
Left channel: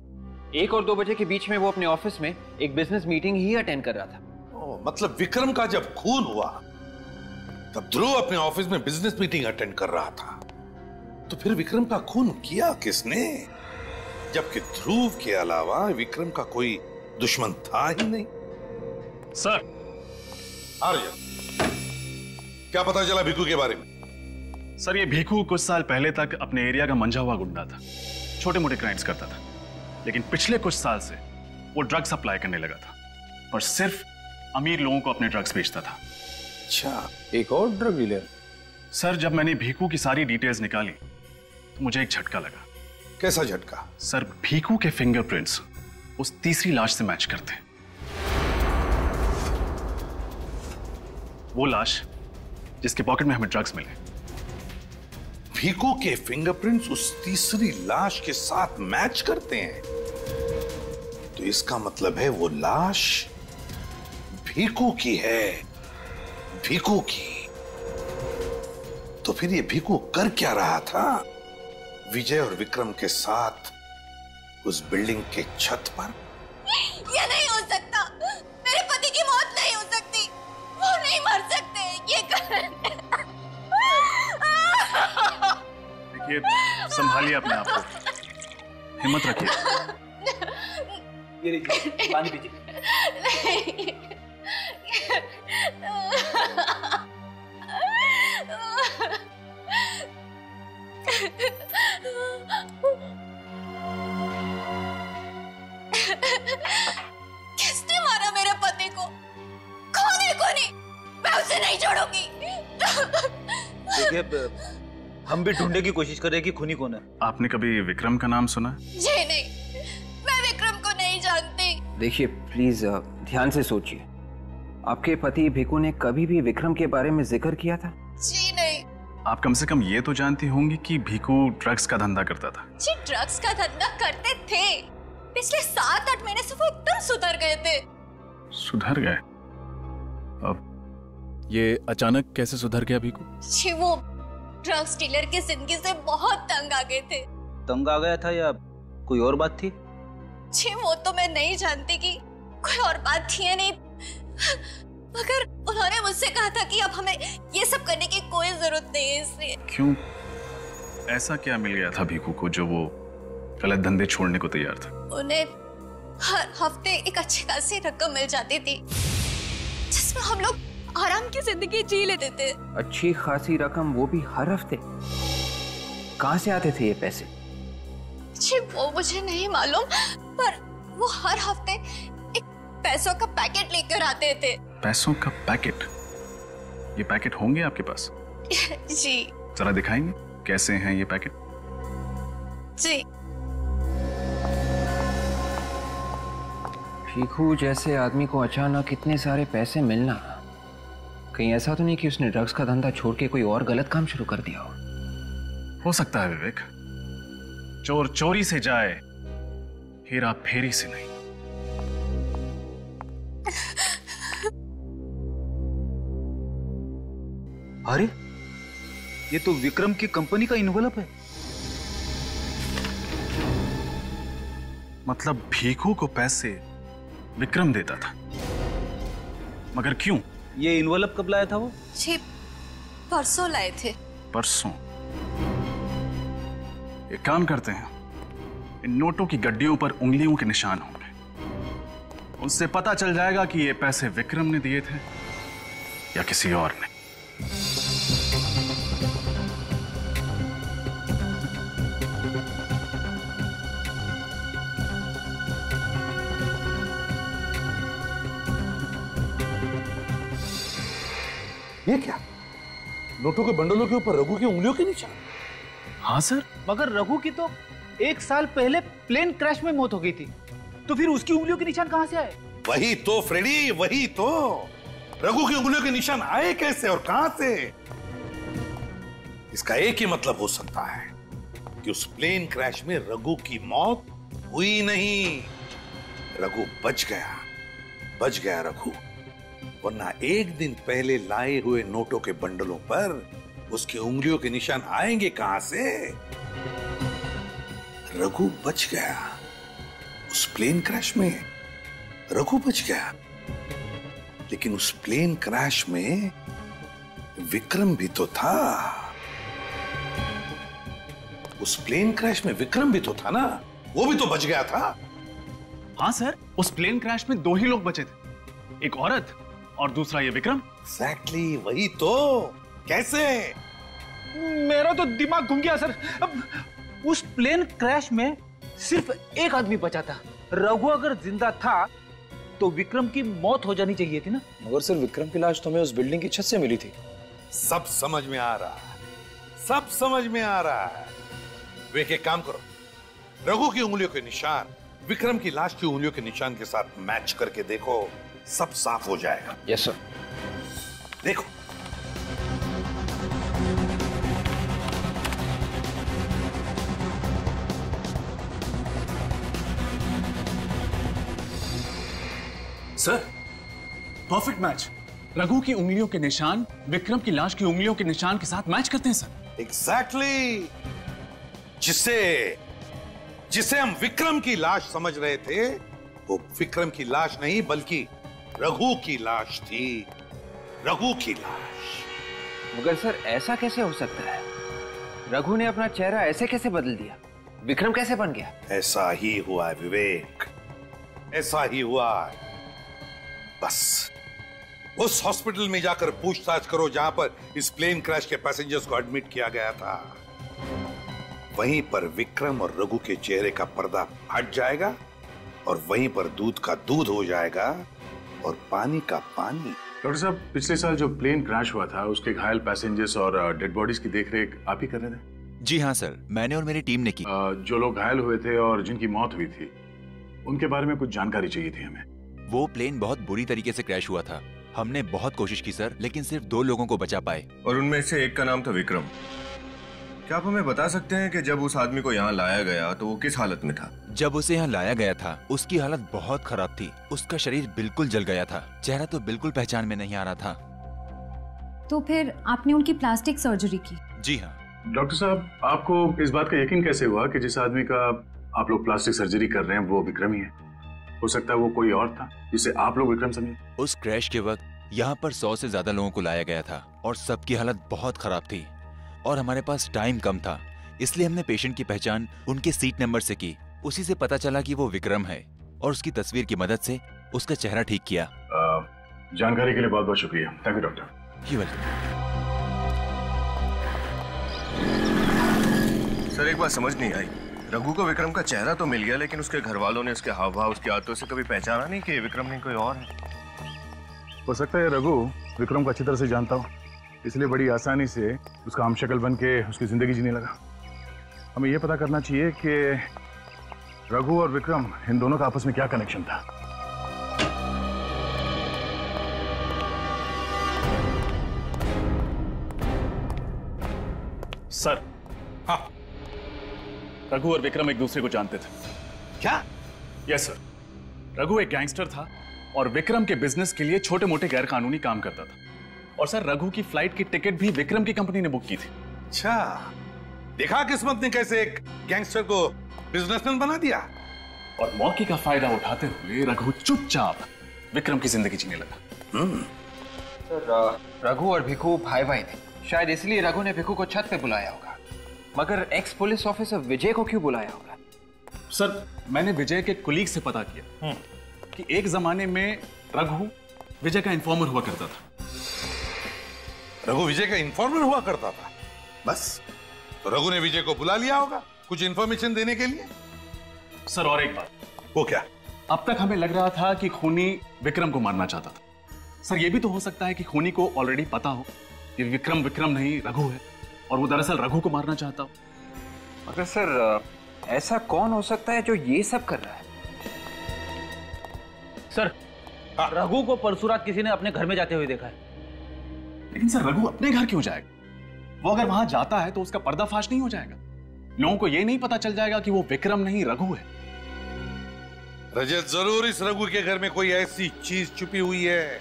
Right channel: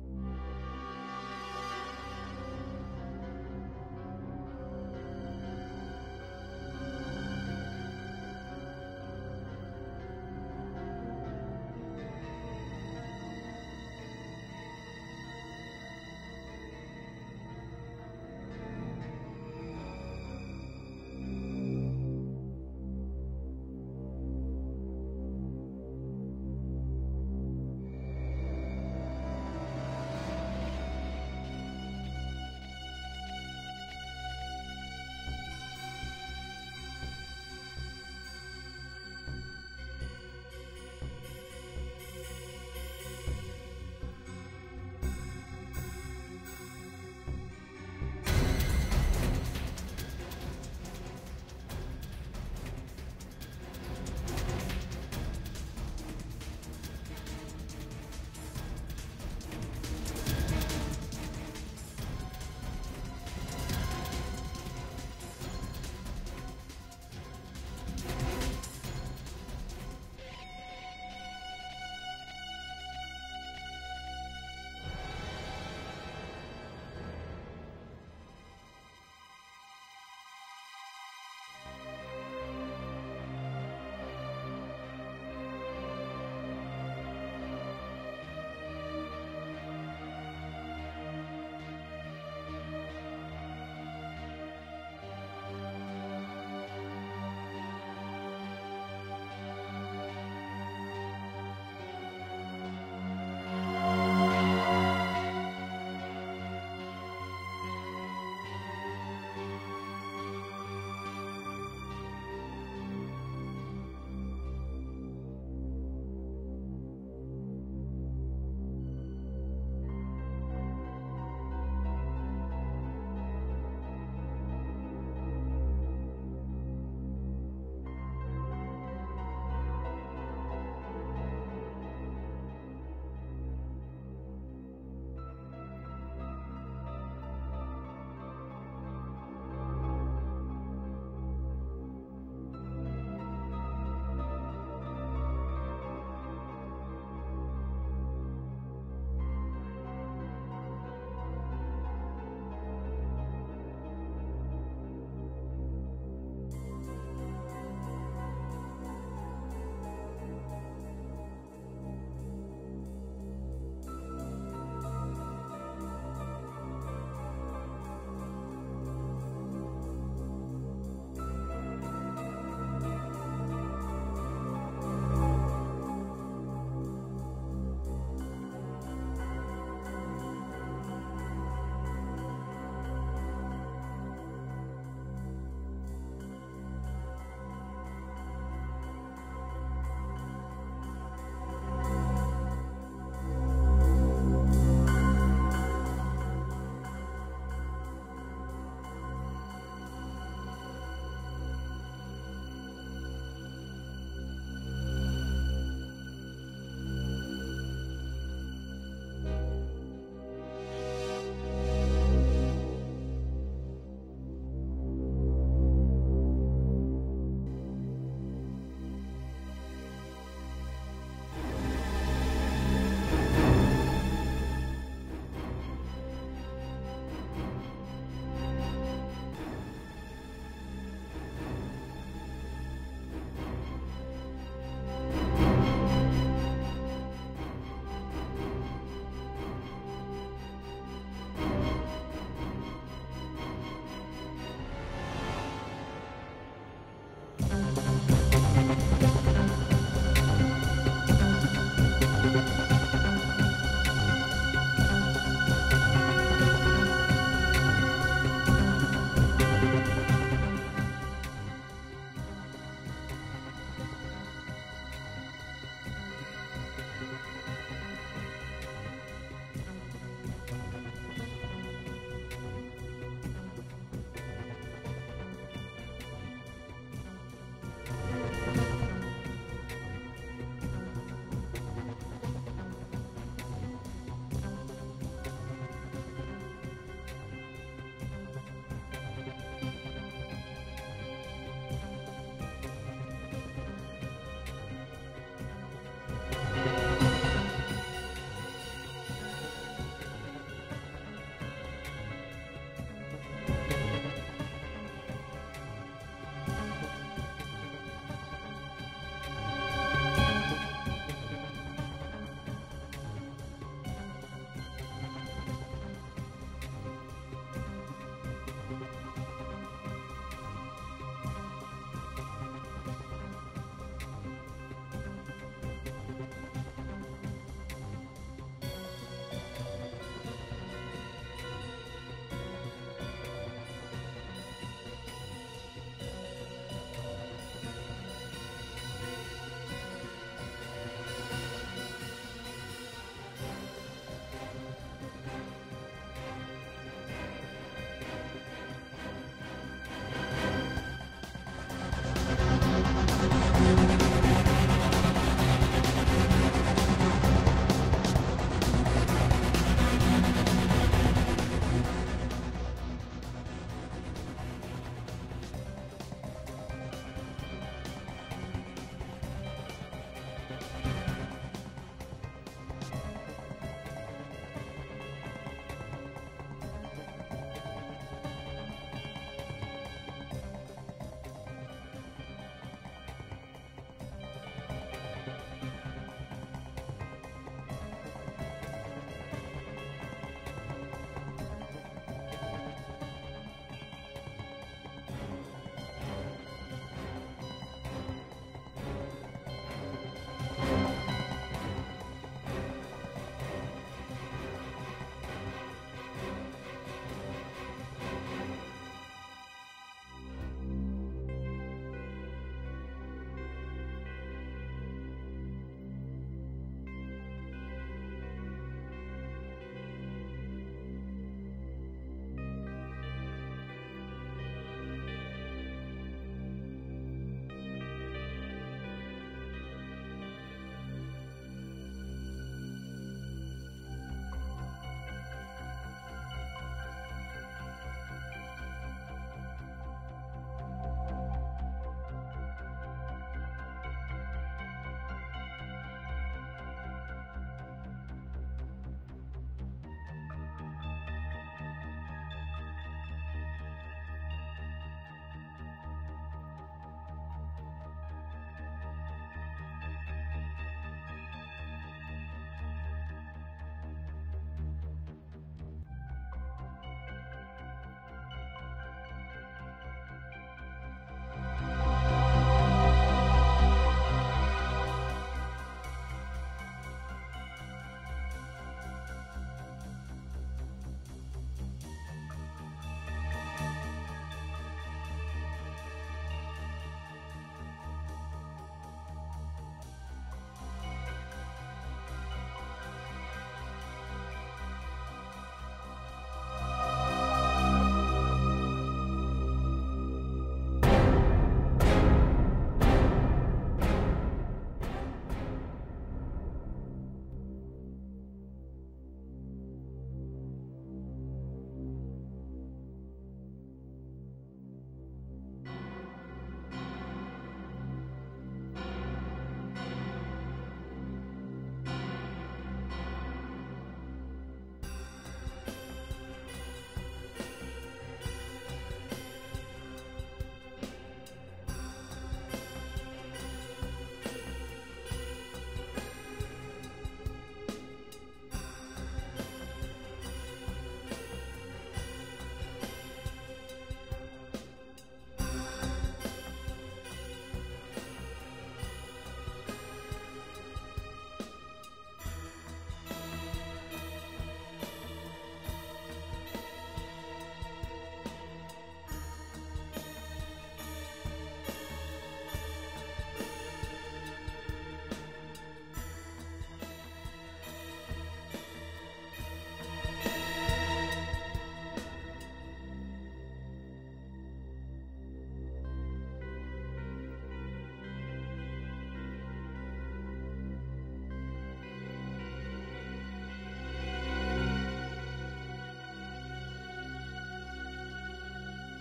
1 और 2 बजे के बीच में वो अपने ऑफिस में एक बिजनेस मीटिंग ही अटेंड कर रहा था। मतलब विक्रम का जब खून हुआ तब ध्रुव अपने ऑफिस में बिजनेस मीटिंग अटेंड कर रहा था। तो फिर विक्रम का खून किया किसने? जबकि ध्रुव के अलावा विक्रम का कोई दुश्मन था ही नहीं। सर आर्यन, क्या पता चला भीखू के बारे में? सर, ये भीखू कुछ साल पहले तक अपने एरिया का मंझा हुआ गुंडा था, छोटे मोटे क्राइम्स करता था। लेकिन पिछले कुछ साल से वो ड्रग्स सप्लाई करने लगा था और सिर्फ अमीर लोगों को अपने ड्रग्स बेचता था। अच्छा, एक और ड्रग डीलर? सर, जब मैंने भीखू की सारी डिटेल्स निकाली मुझे एक झटका लगा। कैसा झटका? सर, भीखू के फिंगरप्रिंट्स उस तीसरी लाश से मैच करते हैं। वो लाश जिसके पॉकेट में हमें ड्रग्स मिले। भीखू के फिंगरप्रिंट्स उस तीसरी लाश के साथ मैच करते हैं, तो इसका मतलब है वो लाश भीखू की है। भीखू की। तो फिर ये भीखू कर क्या रहा था विजय और विक्रम के साथ उस बिल्डिंग के छत पर? ये नहीं हो सकता। मेरे पति की मौत नहीं हो सकती। वो नहीं मर सकते। ये ये संभालिए अपने आप को, हिम्मत रखिए। ये लीजिए, पानी पीजिए। किसने मारा मेरे पति को? कौन है? कोनी, मैं उसे नहीं छोड़ूंगी। देखिए, हम भी ढूंढने की कोशिश कर रहे हैं कि खूनी कौन है। आपने कभी विक्रम का नाम सुना? जी नहीं, मैं विक्रम को नहीं जानती। देखिए प्लीज ध्यान से सोचिए, आपके पति भीखू ने कभी भी विक्रम के बारे में जिक्र किया था? जी नहीं। आप कम से कम ये तो जानती होंगी कि भीखू ड्रग्स का धंधा करता था। जी ड्रग्स का धंधा करते थे। पिछले 7-8 महीने से वो एकदम सुधर गए थे। सुधर गए? अब ये अचानक कैसे सुधर गया भीखू? जी वो ड्रग्स डीलर की जिंदगी से बहुत तंग आ गए थे। तंग आ गया था या कोई और बात थी? जी वो तो मैं नहीं जानती कि कोई और बात थी या नहीं, मगर उन्होंने मुझसे कहा था कि अब हमें ये सब करने की कोई जरूरत नहीं है। इसलिए क्यों? ऐसा क्या मिल गया था भीखू को जो वो गलत धंधे छोड़ने को तैयार था? उन्हें हर हफ्ते एक अच्छी खासी रकम मिल जाती थी जिसमें हम लोग आराम की जिंदगी जी लेते थे। अच्छी खासी रकम, वो भी हर हफ्ते? कहाँ से आते थे ये पैसे? जी वो मुझे नहीं मालूम, पर वो हर हफ्ते एक पैसों का पैकेट लेकर आते थे। पैसों का पैकेट? ये पैकेट होंगे आपके पास? जी। जरा दिखाएंगे कैसे हैं ये पैकेट? जी। भीखू जैसे आदमी को अचानक इतने सारे पैसे मिलना, कहीं ऐसा तो नहीं कि उसने ड्रग्स का धंधा छोड़ के कोई और गलत काम शुरू कर दिया हो सकता है विवेक, चोर चोरी से जाए, हेरा फेरी से नहीं। अरे ये तो विक्रम की कंपनी का इन्वेलप है। मतलब भीखू को पैसे विक्रम देता था, मगर क्यों? ये इन्वेलप कब लाया था वो? जी परसों लाए थे। परसों? एक काम करते हैं, इन नोटों की गड्डियों पर उंगलियों के निशान होंगे, उससे पता चल जाएगा कि ये पैसे विक्रम ने दिए थे या किसी और ने। ये क्या? नोटों के बंडलों के ऊपर रघु की उंगलियों के निशान? हाँ सर, मगर रघु की तो 1 साल पहले प्लेन क्रैश में मौत हो गई थी, तो फिर उसकी उंगलियों के निशान कहां से आए? वही तो फ्रेडी, वही तो। रघु की उंगलियों के निशान आए कैसे और कहां से? इसका एक ही मतलब हो सकता है कि उस प्लेन क्रैश में रघु की मौत हुई नहीं, रघु बच गया रघु। वरना एक दिन पहले लाए हुए नोटों के बंडलों पर उसकी उंगलियों के निशान आएंगे कहां से? रघु बच गया, उस प्लेन क्रैश में रघु बच गया, लेकिन उस प्लेन क्रैश में विक्रम भी तो था। उस प्लेन क्रैश में विक्रम भी तो था ना, वो भी तो बच गया था। हाँ सर, उस प्लेन क्रैश में 2 ही लोग बचे थे, एक औरत और दूसरा ये विक्रम। एग्जैक्टली वही तो। कैसे? मेरा तो दिमाग घूम गया सर। अब उस प्लेन क्रैश में सिर्फ एक आदमी बचा था। रघु अगर जिंदा था तो विक्रम की मौत हो जानी चाहिए थी ना। मगर सर विक्रम की लाश तो हमें उस बिल्डिंग की छत से मिली थी। सब समझ में आ रहा है, सब समझ में आ रहा है। वे एक काम करो, रघु की उंगलियों के निशान विक्रम की लाश की उंगलियों के निशान के साथ मैच करके देखो, सब साफ हो जाएगा। Yes sir. देखो सर, परफेक्ट मैच। रघु की उंगलियों के निशान विक्रम की लाश की उंगलियों के निशान के साथ मैच करते हैं सर। एग्जैक्टली। जिसे हम विक्रम की लाश समझ रहे थे, वो विक्रम की लाश नहीं बल्कि रघु की लाश थी। रघु की लाश। मगर सर ऐसा कैसे हो सकता है? रघु ने अपना चेहरा ऐसे कैसे बदल दिया? विक्रम कैसे बन गया? ऐसा ही हुआ है विवेक, ऐसा ही हुआ। बस उस हॉस्पिटल में जाकर पूछताछ करो जहां पर इस प्लेन क्रैश के पैसेंजर्स को एडमिट किया गया था। वहीं पर विक्रम और रघु के चेहरे का पर्दा हट जाएगा और वहीं पर दूध का दूध हो जाएगा और पानी का पानी। डॉक्टर साहब, पिछले साल जो प्लेन क्रैश हुआ था उसके घायल पैसेंजर्स और डेड बॉडीज की देखरेख आप ही कर रहे थे? जी हाँ सर, मैंने और मेरी टीम ने की। जो लोग घायल हुए थे और जिनकी मौत हुई थी, उनके बारे में कुछ जानकारी चाहिए थी हमें। वो प्लेन बहुत बुरी तरीके से क्रैश हुआ था। हमने बहुत कोशिश की सर, लेकिन सिर्फ 2 लोगों को बचा पाए। और उनमें से एक का नाम था विक्रम। क्या आप हमें बता सकते हैं कि जब उस आदमी को यहाँ लाया गया तो वो किस हालत में था? जब उसे यहाँ लाया गया था उसकी हालत बहुत खराब थी। उसका शरीर बिल्कुल जल गया था, चेहरा तो बिल्कुल पहचान में नहीं आ रहा था। तो फिर आपने उनकी प्लास्टिक सर्जरी की? जी हाँ। डॉक्टर साहब, आपको इस बात का यकीन कैसे हुआ कि जिस आदमी का आप लोग प्लास्टिक सर्जरी कर रहे हैं वो विक्रम ही है? हो सकता है वो कोई और था जिसे आप लोग विक्रम समझे। उस क्रैश के वक्त यहाँ पर 100 से ज्यादा लोगों को लाया गया था और सबकी हालत बहुत खराब थी और हमारे पास टाइम कम था, इसलिए हमने पेशेंट की पहचान उनके सीट नंबर से की। उसी से पता चला कि वो विक्रम है और उसकी तस्वीर की मदद से उसका चेहरा ठीक किया। जानकारी के लिए बहुत बहुत शुक्रिया। Thank you doctor. He welcome. Sir एक बात समझ नहीं आई, रघु को विक्रम का चेहरा तो मिल गया लेकिन उसके घर वालों ने उसके हाव भाव उसकी आदतों से कभी पहचाना नहीं कि विक्रम नहीं कोई और। हो सकता है रघु विक्रम को अच्छी तरह से जानता हो, इसलिए बड़ी आसानी से उसका हमशक्ल बन के उसकी जिंदगी जीने लगा। हमें यह पता करना चाहिए कि रघु और विक्रम इन दोनों का आपस में क्या कनेक्शन था। सर, हाँ, रघु और विक्रम एक दूसरे को जानते थे। क्या? यस सर, रघु एक गैंगस्टर था और विक्रम के बिजनेस के लिए छोटे मोटे गैर कानूनी काम करता था। और सर रघु की फ्लाइट की टिकट भी विक्रम की कंपनी ने बुक की थी। अच्छा, देखा किस्मत ने कैसे एक गैंगस्टर को बिजनेसमैन बना दिया। और मौके का फायदा उठाते हुए रघु चुपचाप विक्रम की जिंदगी जीने लगा। सर, रघु और भिखू भाई भाई थे, शायद इसलिए रघु ने भिखू को छत पे बुलाया होगा। मगर एक्स पुलिस ऑफिसर विजय को क्यों बुलाया होगा? सर, मैंने विजय के कुलीग से पता किया कि एक जमाने में रघु विजय का इन्फॉर्मर हुआ करता था। रघु विजय का इन्फॉर्मर हुआ करता था? बस, तो रघु ने विजय को बुला लिया होगा कुछ इन्फॉर्मेशन देने के लिए। सर और एक बात। वो क्या? अब तक हमें लग रहा था कि खूनी विक्रम को मारना चाहता था। सर ये भी तो हो सकता है कि खूनी को ऑलरेडी पता हो कि विक्रम नहीं रघु है और वो दरअसल रघु को मारना चाहता हो। मगर सर ऐसा कौन हो सकता है जो ये सब कर रहा है? सर, रघु को परसों रात किसी ने अपने घर में जाते हुए देखा है। लेकिन सर रघु अपने घर क्यों जाएगा? वो अगर वहां जाता है तो उसका पर्दाफाश नहीं हो जाएगा? लोगों को ये नहीं पता चल जाएगा कि वो विक्रम नहीं रघु है? रजत, जरूर इस रघु के घर में कोई ऐसी चीज छुपी हुई है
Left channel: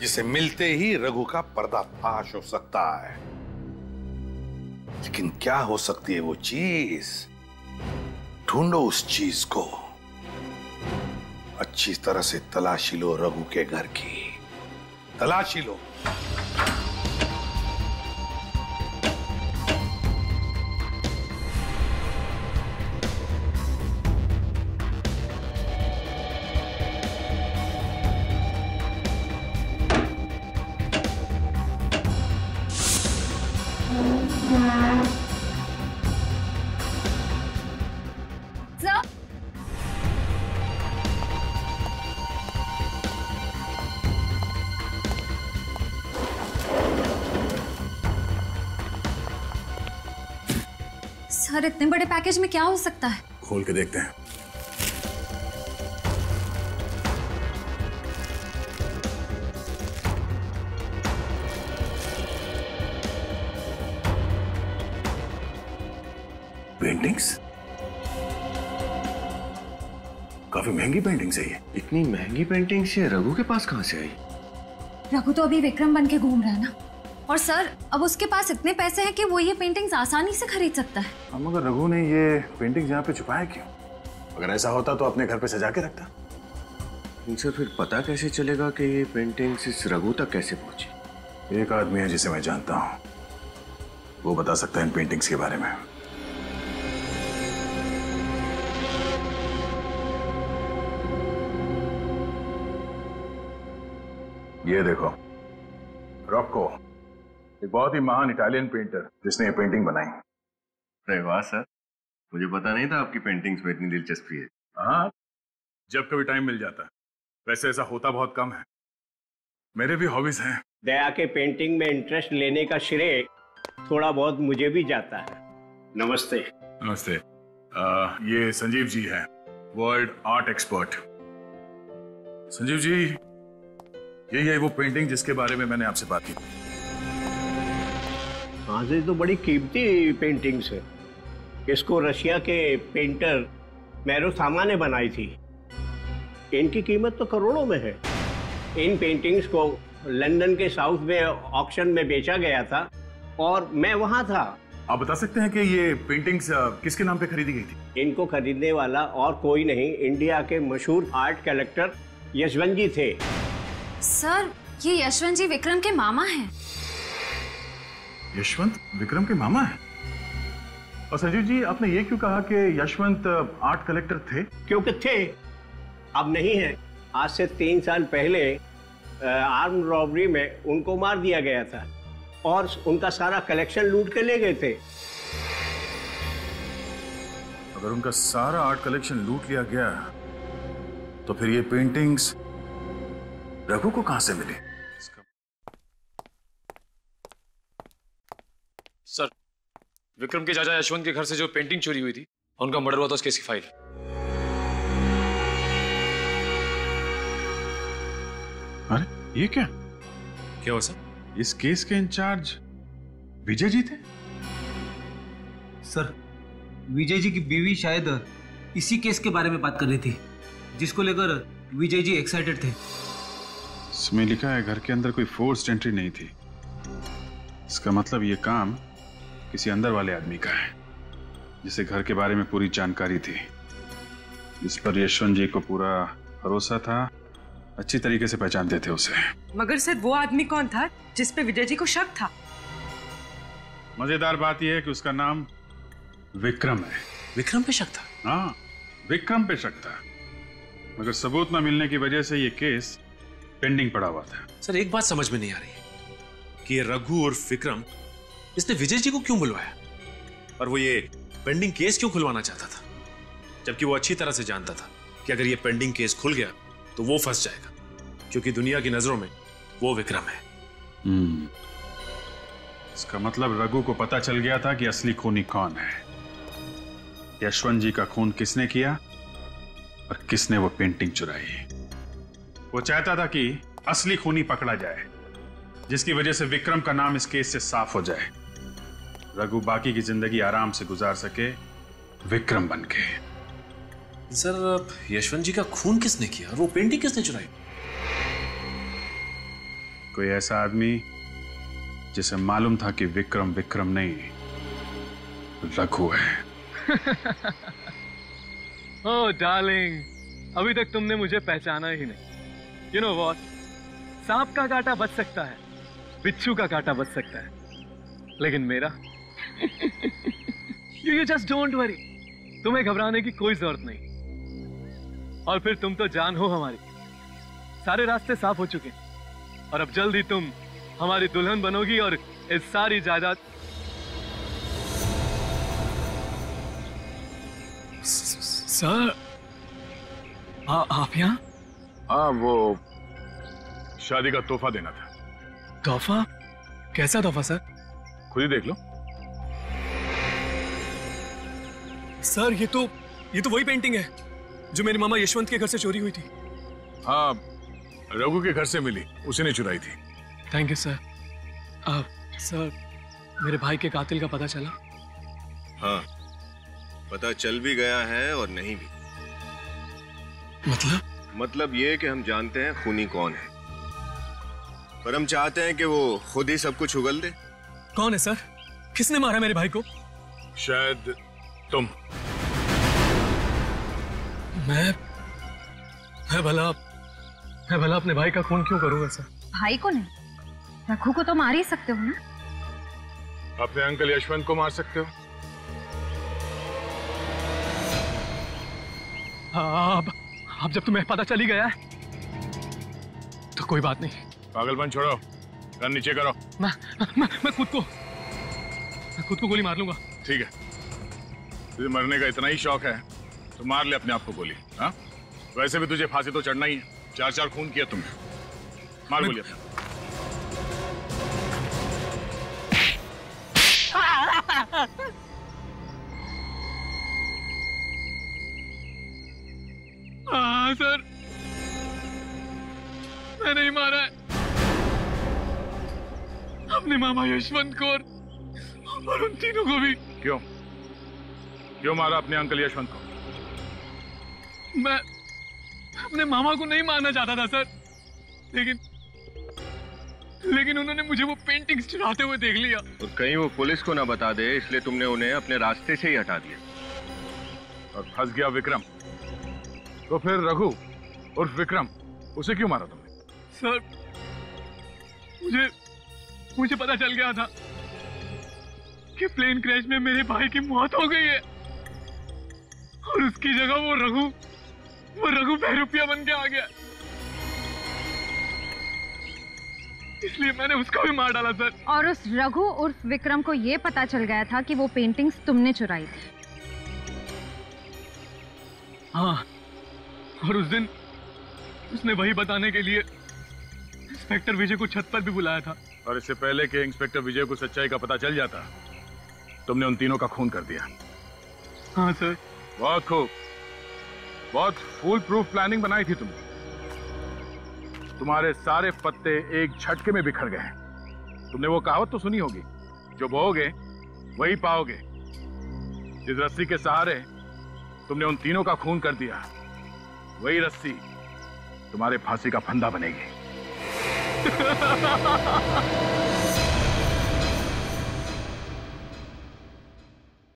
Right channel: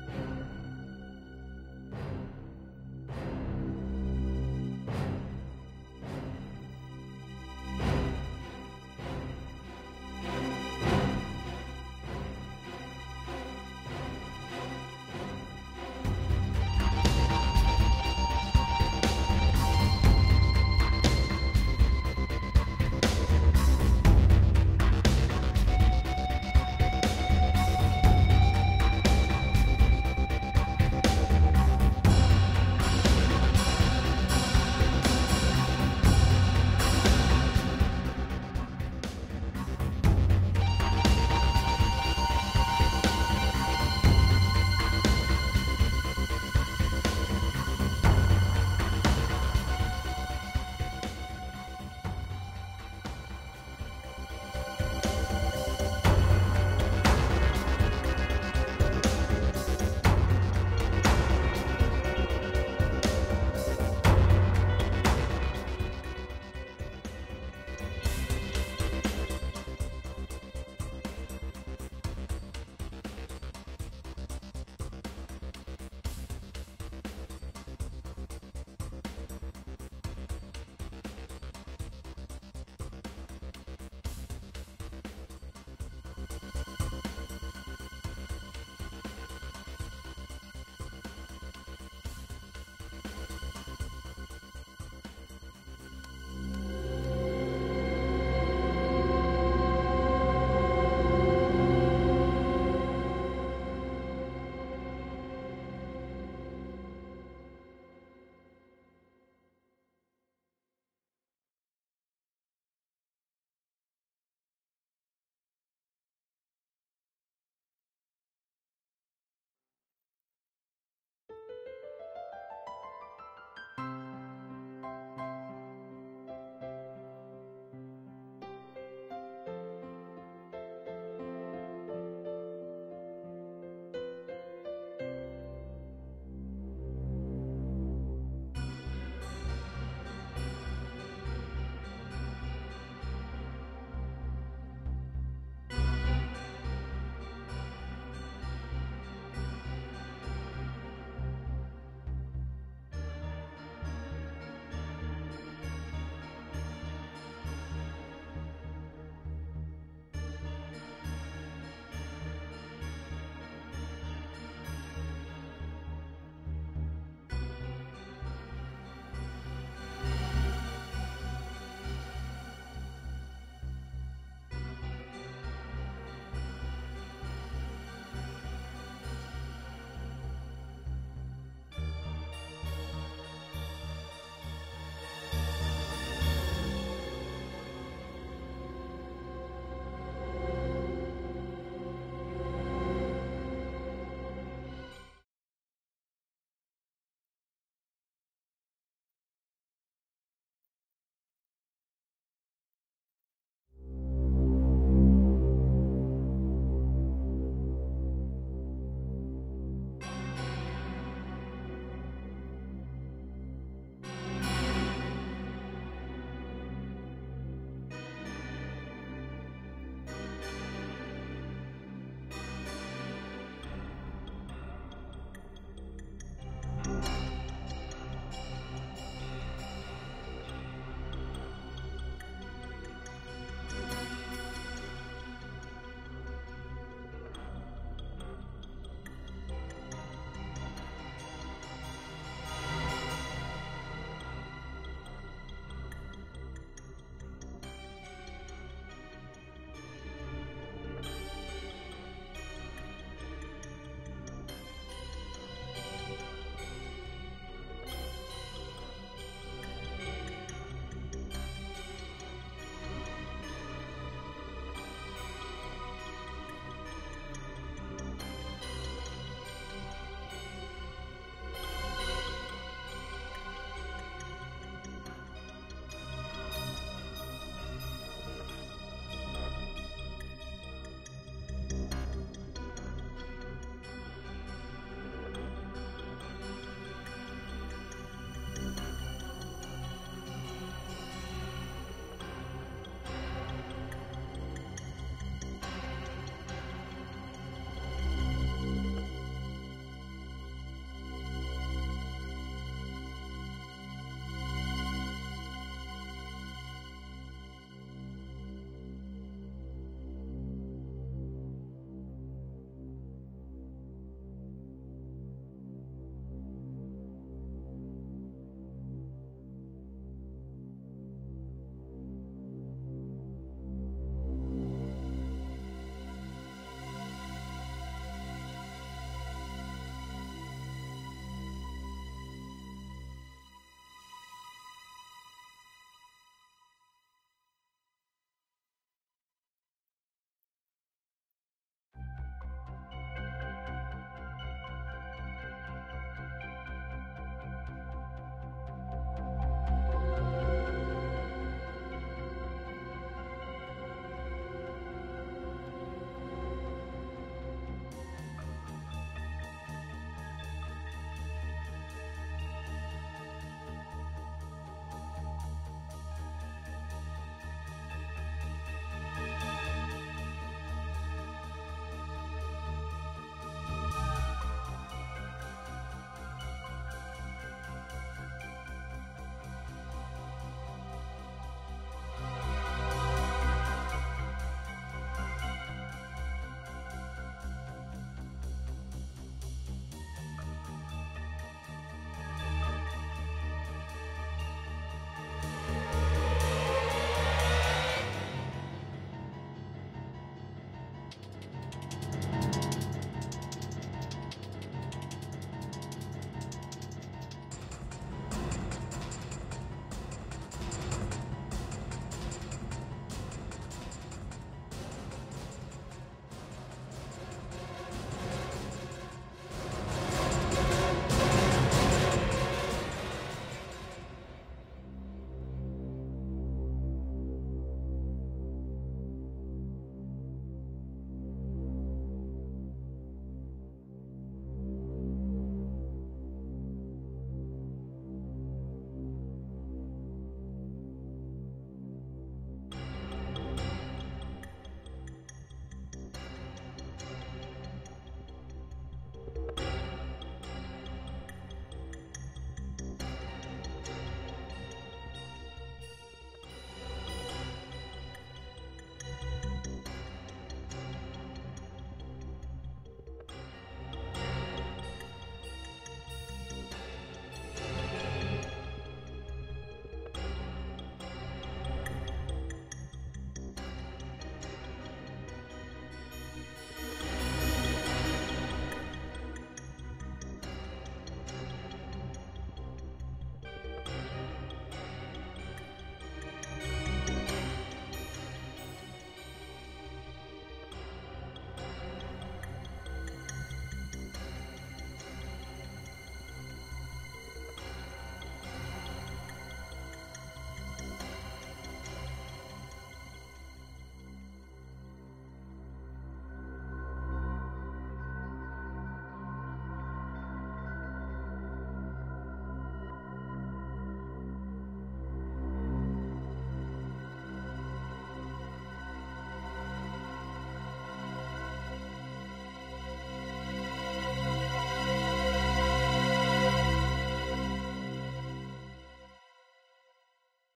जिसे मिलते ही रघु का पर्दाफाश हो सकता है। लेकिन क्या हो सकती है वो चीज? ढूंढो उस चीज को। अच्छी तरह से तलाशी लो रघु के घर की, तलाशी लो। सर इतने बड़े पैकेज में क्या हो सकता है? खोल के देखते हैं। पेंटिंग्स, काफी महंगी पेंटिंग्स है ये। इतनी महंगी पेंटिंग्स ये रघु के पास कहाँ से आई? रघु तो अभी विक्रम बन के घूम रहा है ना, और सर अब उसके पास इतने पैसे हैं कि वो ये पेंटिंग्स आसानी से खरीद सकता है। हम अगर रघु ने ये पेंटिंग यहाँ पे छुपाया क्यों? अगर ऐसा होता तो अपने घर पे सजा के रखता। उनसे फिर पता कैसे चलेगा कि ये पेंटिंग्स इस रघु तक कैसे पहुंची? एक आदमी है जिसे मैं जानता हूँ, वो बता सकता है इन पेंटिंग्स के बारे में। ये देखो, रॉको, एक बहुत ही महान इटालियन पेंटर जिसने ये पेंटिंग बनाई। अरे वाह सर, मुझे पता नहीं था आपकी पेंटिंग्स में इतनी दिलचस्पी है। हाँ, जब कभी टाइम मिल जाता है। वैसे ऐसा होता बहुत कम है, मेरे भी हॉबीज हैं। दया के पेंटिंग में इंटरेस्ट लेने का श्रेय थोड़ा बहुत मुझे भी जाता है। नमस्ते। नमस्ते। ये संजीव जी हैं, world art expert. Sanjeev ji, यही है वो पेंटिंग जिसके बारे में मैंने आपसे बात की। हाँ जी, तो बड़ी कीमती पेंटिंग्स है। इसको रशिया के पेंटर मैरो सामा ने बनाई थी। इनकी कीमत तो करोड़ों में है। इन पेंटिंग्स को लंदन के साउथ में ऑक्शन में बेचा गया था और मैं वहाँ था। आप बता सकते हैं कि ये पेंटिंग्स किसके नाम पे खरीदी गई थी? इनको खरीदने वाला और कोई नहीं, इंडिया के मशहूर आर्ट कलेक्टर यशवंत जी थे। सर ये यशवंत जी विक्रम के मामा हैं। यशवंत विक्रम के मामा हैं? और संजीव जी, आपने ये क्यों कहा कि यशवंत आर्ट कलेक्टर थे? क्योंकि थे, अब नहीं है। आज से 3 साल पहले आर्म रॉबरी में उनको मार दिया गया था और उनका सारा कलेक्शन लूट के ले गए थे। अगर उनका सारा आर्ट कलेक्शन लूट लिया गया तो फिर ये पेंटिंग्स रघु को कहां से मिली? सर, विक्रम के चाचा यशवंत के घर से जो पेंटिंग चोरी हुई थी, उनका मर्डर हुआ था, उस केस की फाइल। अरे ये क्या हुआ सर? इस केस के इंचार्ज विजय जी थे? सर, विजय जी की बीवी शायद इसी केस के बारे में बात कर रही थी, जिसको लेकर विजय जी एक्साइटेड थे। इसमें लिखा है घर के अंदर कोई फोर्स्ड एंट्री नहीं थी। इसका मतलब ये काम किसी अंदर वाले आदमी का है, जिसे घर के बारे में पूरी जानकारी थी। इस पर यशवंत जी को पूरा भरोसा था, अच्छी तरीके से पहचानते थे उसे। मगर सर वो आदमी कौन था जिस पे विजय जी को शक था? मजेदार बात यह है कि उसका नाम विक्रम है। विक्रम पे शक था? हाँ, विक्रम पे शक था, मगर सबूत न मिलने की वजह से ये केस पेंडिंग पड़ा हुआ था। सर, एक बात समझ में नहीं आ रही कि रघु और विक्रम, इसने विजय जी को क्यों बुलवाया और वो ये पेंडिंग केस क्यों खुलवाना चाहता था, जबकि वो अच्छी तरह से जानता था कि अगर ये पेंडिंग केस खुल गया तो वो फंस जाएगा, क्योंकि दुनिया की नजरों में वो विक्रम है। इसका मतलब रघु को पता चल गया था कि असली खूनी कौन है। यशवंत जी का खून किसने किया और किसने वो पेंटिंग चुराई। वो चाहता था कि असली खूनी पकड़ा जाए, जिसकी वजह से विक्रम का नाम इस केस से साफ हो जाए। रघु बाकी की जिंदगी आराम से गुजार सके विक्रम बनके। सर, यशवंत जी का खून किसने किया? वो पेंटिंग किसने चुराई? कोई ऐसा आदमी जिसे मालूम था कि विक्रम विक्रम नहीं, रघु है। ओह डार्लिंग, अभी तक तुमने मुझे पहचाना ही नहीं। यू नो व्हाट, सांप का कांटा बच सकता है, बिच्छू का कांटा बच सकता है, लेकिन मेरा यू जस्ट डोंट वरी, तुम्हें घबराने की कोई जरूरत नहीं। और फिर तुम तो जान हो हमारी, सारे रास्ते साफ हो चुके हैं और अब जल्द ही तुम हमारी दुल्हन बनोगी और इस सारी जायदाद। सर आप यहाँ? हाँ, वो शादी का तोहफा देना था। तोहफा? कैसा तोहफा सर? खुद ही देख लो। सर ये तो वही पेंटिंग है जो मेरे मामा यशवंत के घर से चोरी हुई थी। हाँ, रघु के घर से मिली, उसी ने चुराई थी। Thank you sir. सर मेरे भाई के कातिल का पता चला? हाँ, पता चल भी गया है और नहीं भी। मतलब ये कि हम जानते हैं खूनी कौन है, पर हम चाहते हैं कि वो खुद ही सब कुछ उगल दे। कौन है सर? किसने मारा मेरे भाई को? शायद तुम। मैं भला अपने भाई का खून क्यों करूंगा सर? भाई को नहीं, रघु को तो मार ही सकते हो ना। अपने अंकल यशवंत को मार सकते हो। अब जब तुम्हें पता चली गया है तो कोई बात नहीं। पागलपन छोड़ो, गन नीचे करो। मैं खुद को गोली मार लूंगा। ठीक है, तुझे मरने का इतना ही शौक है तो मार ले अपने आप को गोली। हाँ, वैसे भी तुझे फांसी तो चढ़ना ही है, 4 खून किया तुमने। मार गोली। सर मैं नहीं मारा है अपने मामा यशवंत को और उन तीनों को भी। क्यों मारा अपने अंकल यशवंत को? मैं अपने मामा को नहीं मारना चाहता था सर, लेकिन उन्होंने मुझे वो पेंटिंग्स चुराते हुए देख लिया। तो कहीं वो पुलिस को ना बता दे, इसलिए तुमने उन्हें अपने रास्ते से ही हटा दिया। और फंस गया विक्रम, तो फिर रघु उर्फ विक्रम, उसे क्यों मारा तुमने? सर मुझे पता चल गया था कि प्लेन क्रैश में मेरे भाई की मौत हो गई है और उसकी जगह वो रघु बहरूपिया बन के आ गया, इसलिए मैंने उसको भी मार डाला सर। और उस रघु उर्फ विक्रम को ये पता चल गया था कि वो पेंटिंग्स तुमने चुराई थी। हाँ, और उस दिन उसने वही बताने के लिए इंस्पेक्टर विजय को छत पर भी बुलाया था। और इससे पहले कि इंस्पेक्टर विजय को सच्चाई का पता चल जाता, तुमने उन तीनों का खून कर दिया। हाँ सर। बहुत खूब, बहुत फुल प्रूफ प्लानिंग बनाई थी तुमने। तुम्हारे सारे पत्ते एक झटके में बिखर गए। तुमने वो कहावत तो सुनी होगी, जो बोओगे वही पाओगे। जिस रस्सी के सहारे तुमने उन तीनों का खून कर दिया, वही रस्सी तुम्हारे फांसी का फंदा बनेगी।